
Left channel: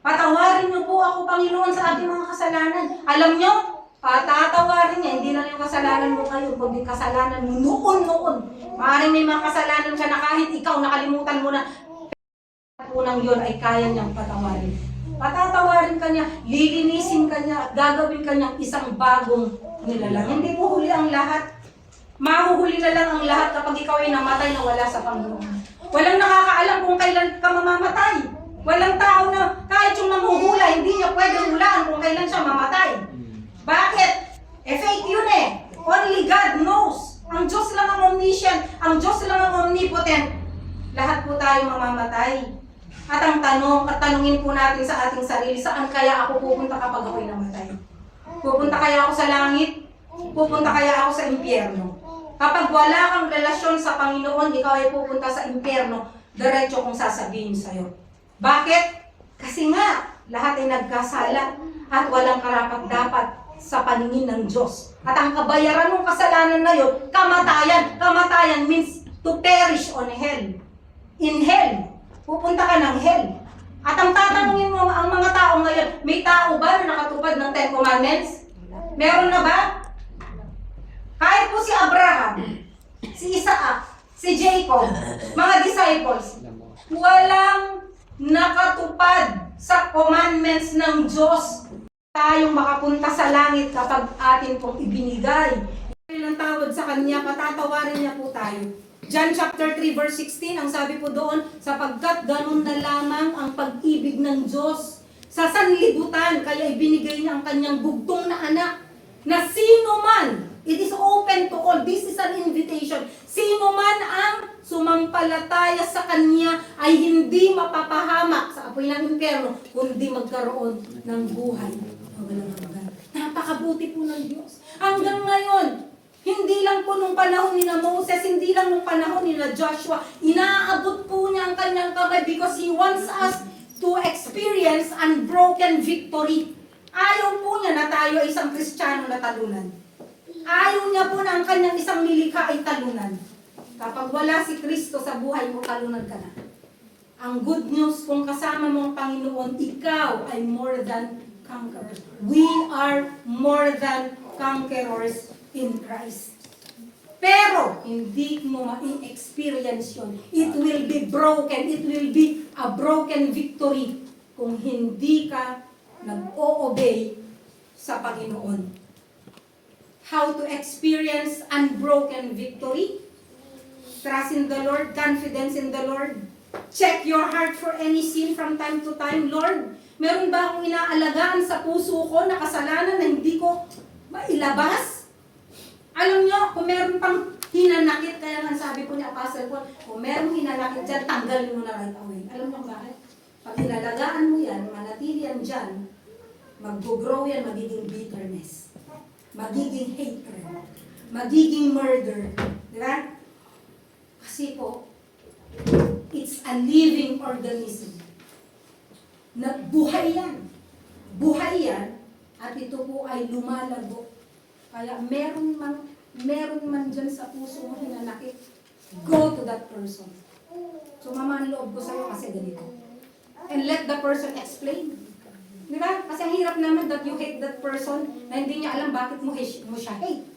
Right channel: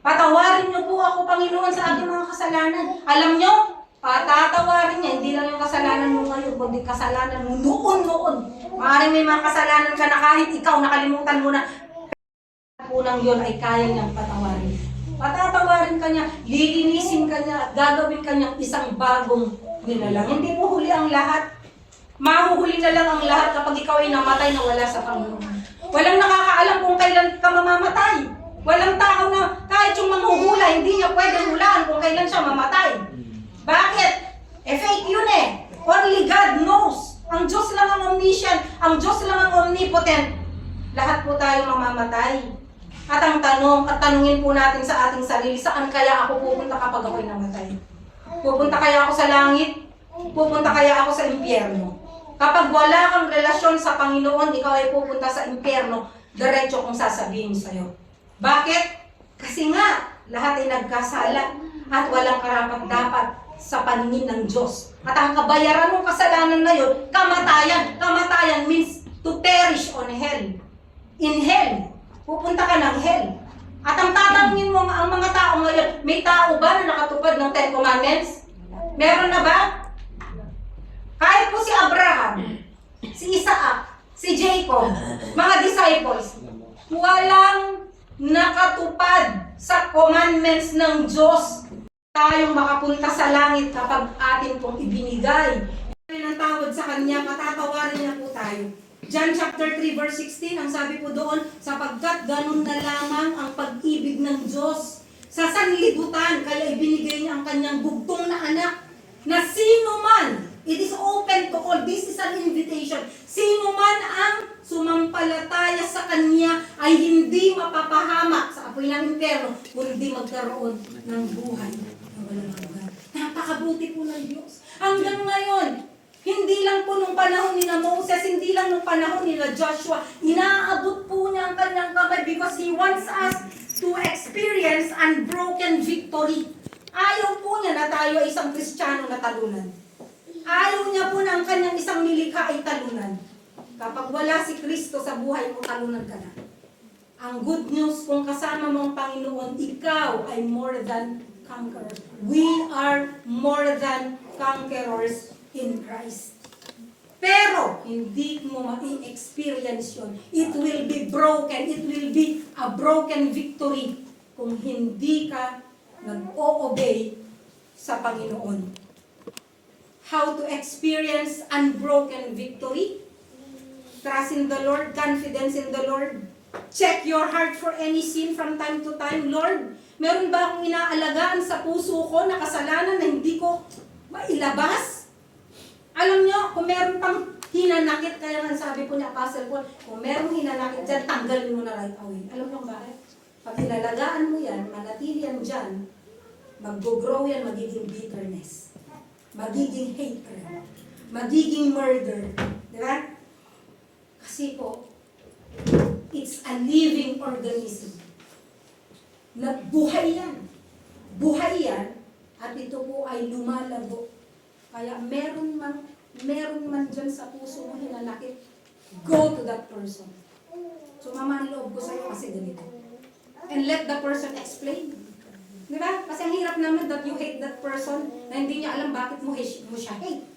Patawarin niyo po ako, Panginoon, sa aking mga kasalanan. Alam niyo, tatawarin niya, hindi lang yung kasalanan mo ngayon, kundi kasalanan mo noon. Maaaring may mga kasalanan ka na kahit ikaw nakalimutan mo na, unang yun ay kaya niyang patawarin. Patatawarin ka niya, lilinisin ka niya, at gagawin ka niyang isang bagong nilalang. Hindi po huli ang lahat. Mahuhuli na lang ang lahat kapag ikaw ay namatay na wala sa Panginoon. Walang nakakaalam kung kailan ka mamamatay. Walang tao na kahit yung manghuhula, hindi niya pwedeng hulaan kung kailan siya mamatay. Bakit? Fake yun eh. Only God knows. Ang Diyos lang ang omniscient. Ang Diyos lang ang omnipotent. Lahat po tayo mamamatay. At ang tanungin po natin sa ating sarili, saan kaya ako pupunta kapag ako'y namatay? Pupunta kaya ako sa langit? Pupunta kaya ako sa impyerno? Kapag wala kang relasyon sa Panginoon, ikaw ay pupunta sa impyerno, diretso kong sasabihin sa'yo. Bakit? Kasi nga, lahat ay nagkasala at walang karapat-dapat sa paningin ng Diyos. At ang kabayaran ng kasalanan na yun, kamatayan. Kamatayan means to perish on hell. In hell. Pupunta ka ng hell. At ang tatanungin mo ang mga tao ngayon, may tao ba na nakatupad ng 10 Commandments? Meron na ba? Kahit po si Abraham, si Isaac, si Jacob, mga disciples, walang nakatupad sa commandments ng Diyos. Tayong makapunta sa langit kapag atin pong ibinigay ng tawad sa Kanya, patatawarin niya po tayo. John chapter 3 verse 16, ang sabi po doon, sapagkat ganun na lamang ang pag-ibig ng Diyos sa sanlibutan, kaya ibinigay niya ang Kanyang bugtong na anak, na sino man, it is open to all, this is an invitation, sino man ang sumampalataya sa Kanya ay hindi mapapahamak sa apoy ng impyerno, kundi magkaroon ng buhay na walang hanggan. Napakabuti po ng Diyos. Hanggang ngayon, hindi lang po nung panahon ni Moses, hindi lang nung panahon ni Joshua, inaabot po niya ang Kanyang kamay because He wants us to experience unbroken victory. Ayaw po niya na tayo ay isang Kristiyano na talunan. Ayaw niya po na ang Kanyang isang nilikha ay talunan. Kapag wala si Kristo sa buhay mo, talunan ka na. Ang good news, kung kasama mo ang Panginoon, ikaw ay more than conqueror. We are more than conquerors in Christ. Pero, hindi mo ma-experience yun. It will be broken. It will be a broken victory kung hindi ka nag-o-obey sa Panginoon. How to experience unbroken victory? Trust in the Lord, confidence in the Lord. Check your heart for any sin from time to time. Lord, meron ba akong inaalagaan sa puso ko na kasalanan na hindi ko mailabas? Alam nyo, kung meron pang hinanakit, kaya nga sabi po ni Apostle Paul, kung meron hinanakit dyan, tanggalin mo na right away. Alam nyo bakit? Pag inalagaan mo yan, manatili yan dyan, mag-grow yan, magiging bitterness, magiging hatred, magiging murder. Di ba? Kasi po, it's a living organism. Na buhay yan. Buhay yan, at ito po ay lumalago. Kaya meron man dyan sa puso mo hinanakit, go to that person. Sumama ang loob ko sa'yo kasi ganito. And let the person explain. Di ba? Kasi ang hirap naman that you hate that person na hindi niya alam bakit mo siya hate.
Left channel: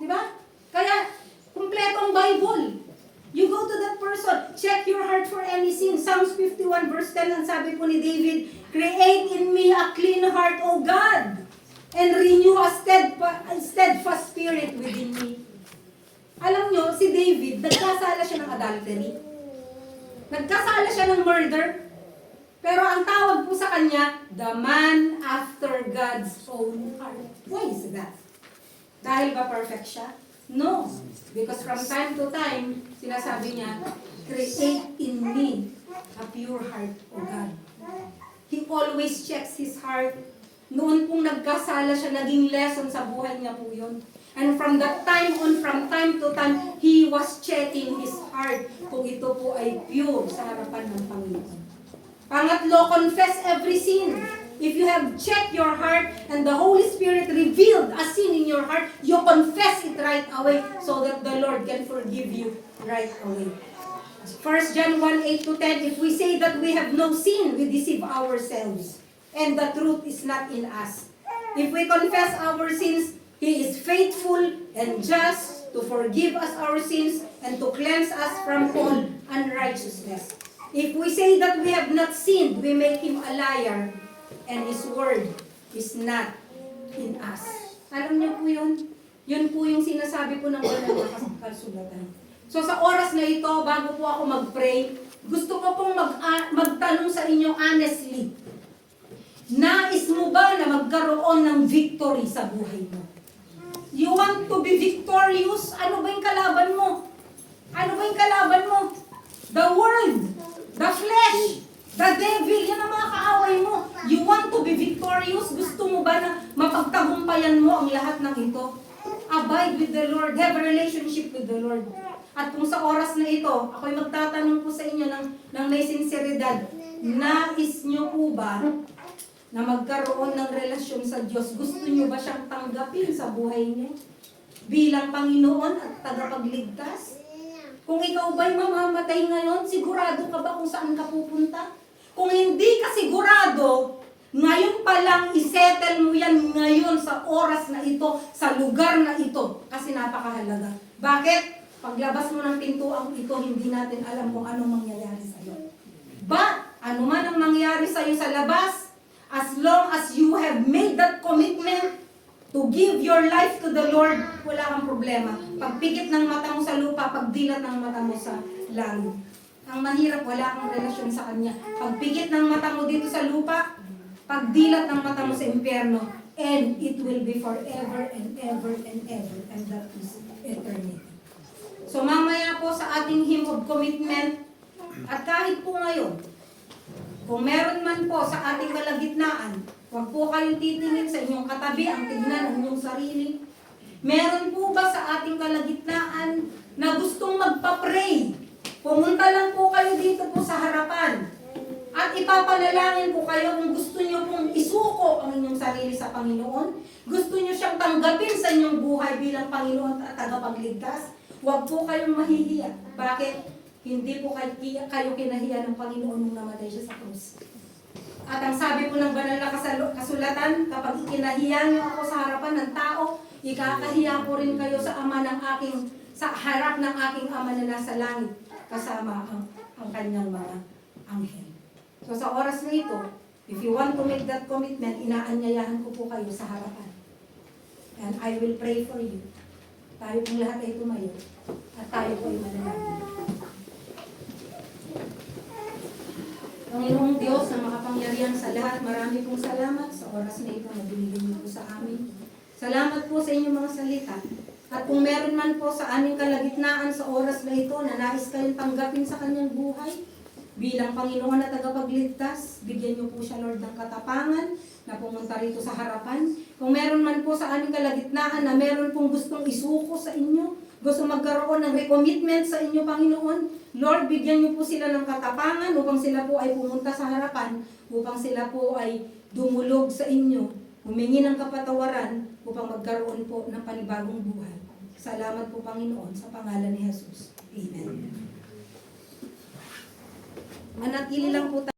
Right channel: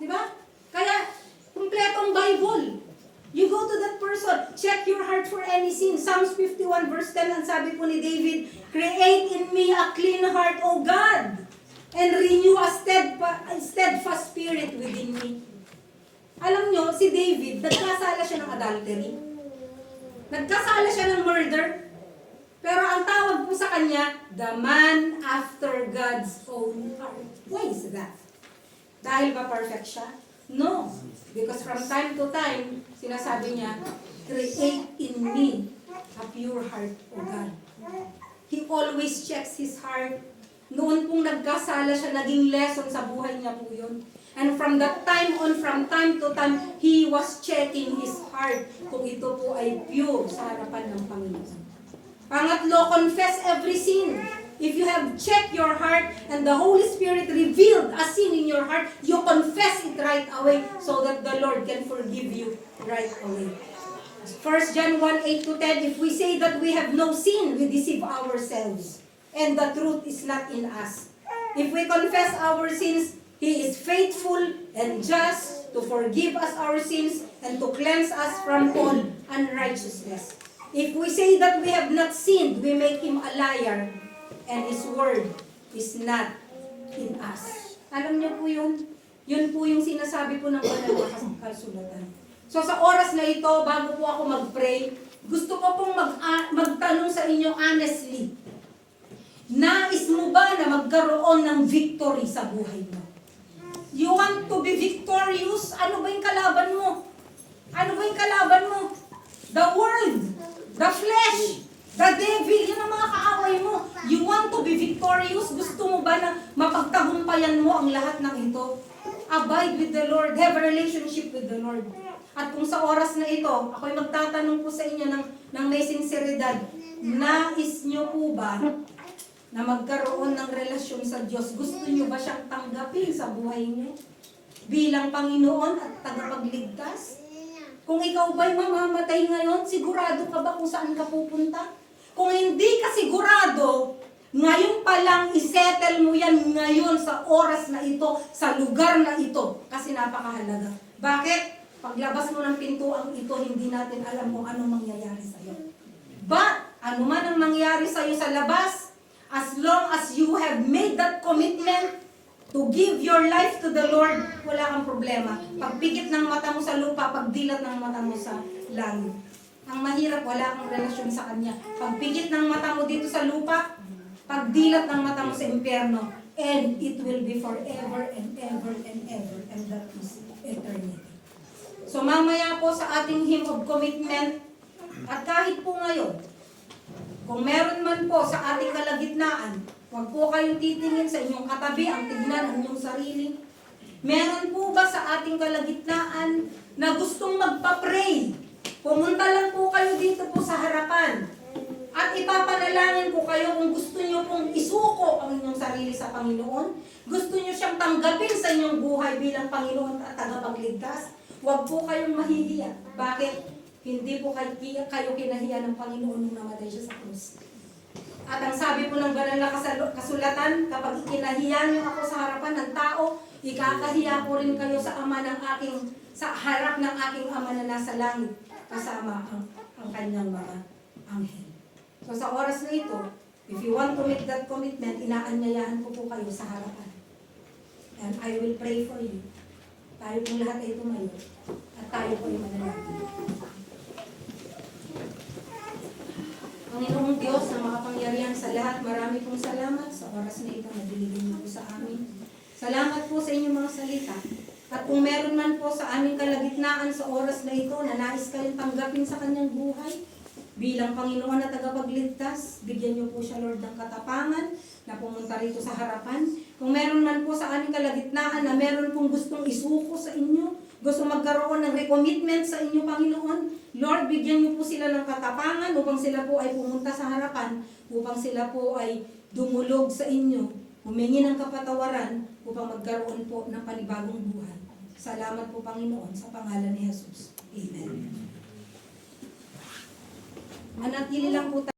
Di ba? Kaya, kumpleto ang Bible. You go to that person, check your heart for any sin. Psalms 51 verse 10, ang sabi po ni David, create in me a clean heart, O God, and renew a steadfast spirit within me. Alam nyo, si David, nagkasala siya ng adultery. Nagkasala siya ng murder. Pero ang tawag po sa kanya, the man after God's own heart. Why is that? Dahil ba perfect siya? No. Because from time to time, sinasabi niya, create in me a pure heart, O God. He always checks his heart. Noon pong nagkasala siya, naging lesson sa buhay niya po yun. And from that time on, from time to time, he was checking his heart kung ito po ay pure sa harapan ng Panginoon. Pangatlo, confess every sin. If you have checked your heart and the Holy Spirit revealed a sin in your heart, you confess it right away so that the Lord can forgive you right away. 1 John 1:8-10, if we say that we have no sin, we deceive ourselves, and the truth is not in us. If we confess our sins, He is faithful and just to forgive us our sins and to cleanse us from all unrighteousness. If we say that we have not sinned, we make Him a liar, and His word is not in us. Alam niyo po yun? Yun po yung sinasabi po ng banal na kasulatan. So sa oras na ito, bago po ako mag-pray, gusto ko pong magtanong sa inyo honestly. Nais mo ba na magkaroon ng victory sa buhay mo? You want to be victorious? Ano ba yung kalaban mo? Ano ba yung kalaban mo? The world, the flesh, the devil, yan ang mga kaaway mo. You want to be victorious? Gusto mo ba na mapagtagumpayan mo ang lahat ng ito? Abide with the Lord, have a relationship with the Lord. At kung sa oras na ito, ako'y magtatanong po sa inyo ng may sinseridad, nais nyo po ba na magkaroon ng relasyon sa Diyos? Gusto nyo ba siyang tanggapin sa buhay nyo bilang Panginoon at tagapagligtas? Kung ikaw ba'y mamamatay ngayon, sigurado ka ba kung saan ka pupunta? Kung hindi ka sigurado, ngayon pa lang isettle mo yan ngayon sa oras na ito, sa lugar na ito, kasi napakahalaga. Bakit? Paglabas mo ng pintuang ito, hindi natin alam kung anong mangyayari sa'yo. But, ano man ang mangyayari sa'yo sa labas, as long as you have made that commitment to give your life to the Lord, wala kang problema. Pagpikit ng mata mo sa lupa, pagdilat ng mata mo sa langit. Ang mahirap, wala kang relasyon sa Kanya. Pagpikit ng mata mo dito sa lupa, pagdilat ng mata mo sa impyerno, and it will be forever and ever and ever, and that is eternity. So mamaya po sa ating hymn of commitment, at kahit po ngayon, kung meron man po sa ating kalagitnaan, huwag po kayong titingin sa inyong katabi, ang tignan ang inyong sarili. Meron po ba sa ating kalagitnaan na gustong magpa-pray? Pumunta lang po kayo dito po sa harapan. At ipapanalangin po kayo kung gusto nyo pong isuko ang inyong sarili sa Panginoon. Gusto nyo siyang tanggapin sa inyong buhay bilang Panginoon at tagapagligtas. Huwag po kayong mahihiya. Bakit? Hindi po kayo kinahiya ng Panginoon nung namatay siya sa krus. At ang sabi po ng banal na kasulatan, kapag ikinahiya niyo ako sa harapan ng tao, ikakahiya ko rin kayo sa sa harap ng aking Ama na nasa langit, kasama ang kanyang mga anghel. So sa oras na ito, if you want to make that commitment, inaanyayahan ko po kayo sa harapan. And I will pray for you. Tayo pong lahat ay tumayo at tayo po ay manalangin. Panginoong Diyos na makapangyarihan sa lahat, marami pong salamat sa oras na ito na binigyan niyo po sa amin. Salamat po sa inyong mga salita. At kung meron man po sa aming kalagitnaan sa oras na ito na nais kayong tanggapin sa kanyang buhay, bilang Panginoon na tagapagligtas, bigyan niyo po siya, Lord, ng katapangan na pumunta rito sa harapan. Kung meron man po sa aming kalagitnaan na meron pong gustong isuko sa inyo, gusto magkaroon ng recommitment sa inyo, Panginoon, Lord, bigyan niyo po sila ng katapangan upang sila po ay pumunta sa harapan, upang sila po ay dumulog sa inyo, humingi ng kapatawaran upang magkaroon po ng panibagong buhay. Salamat po, Panginoon, sa pangalan ni Jesus. Amen. Manatili lang po tayo.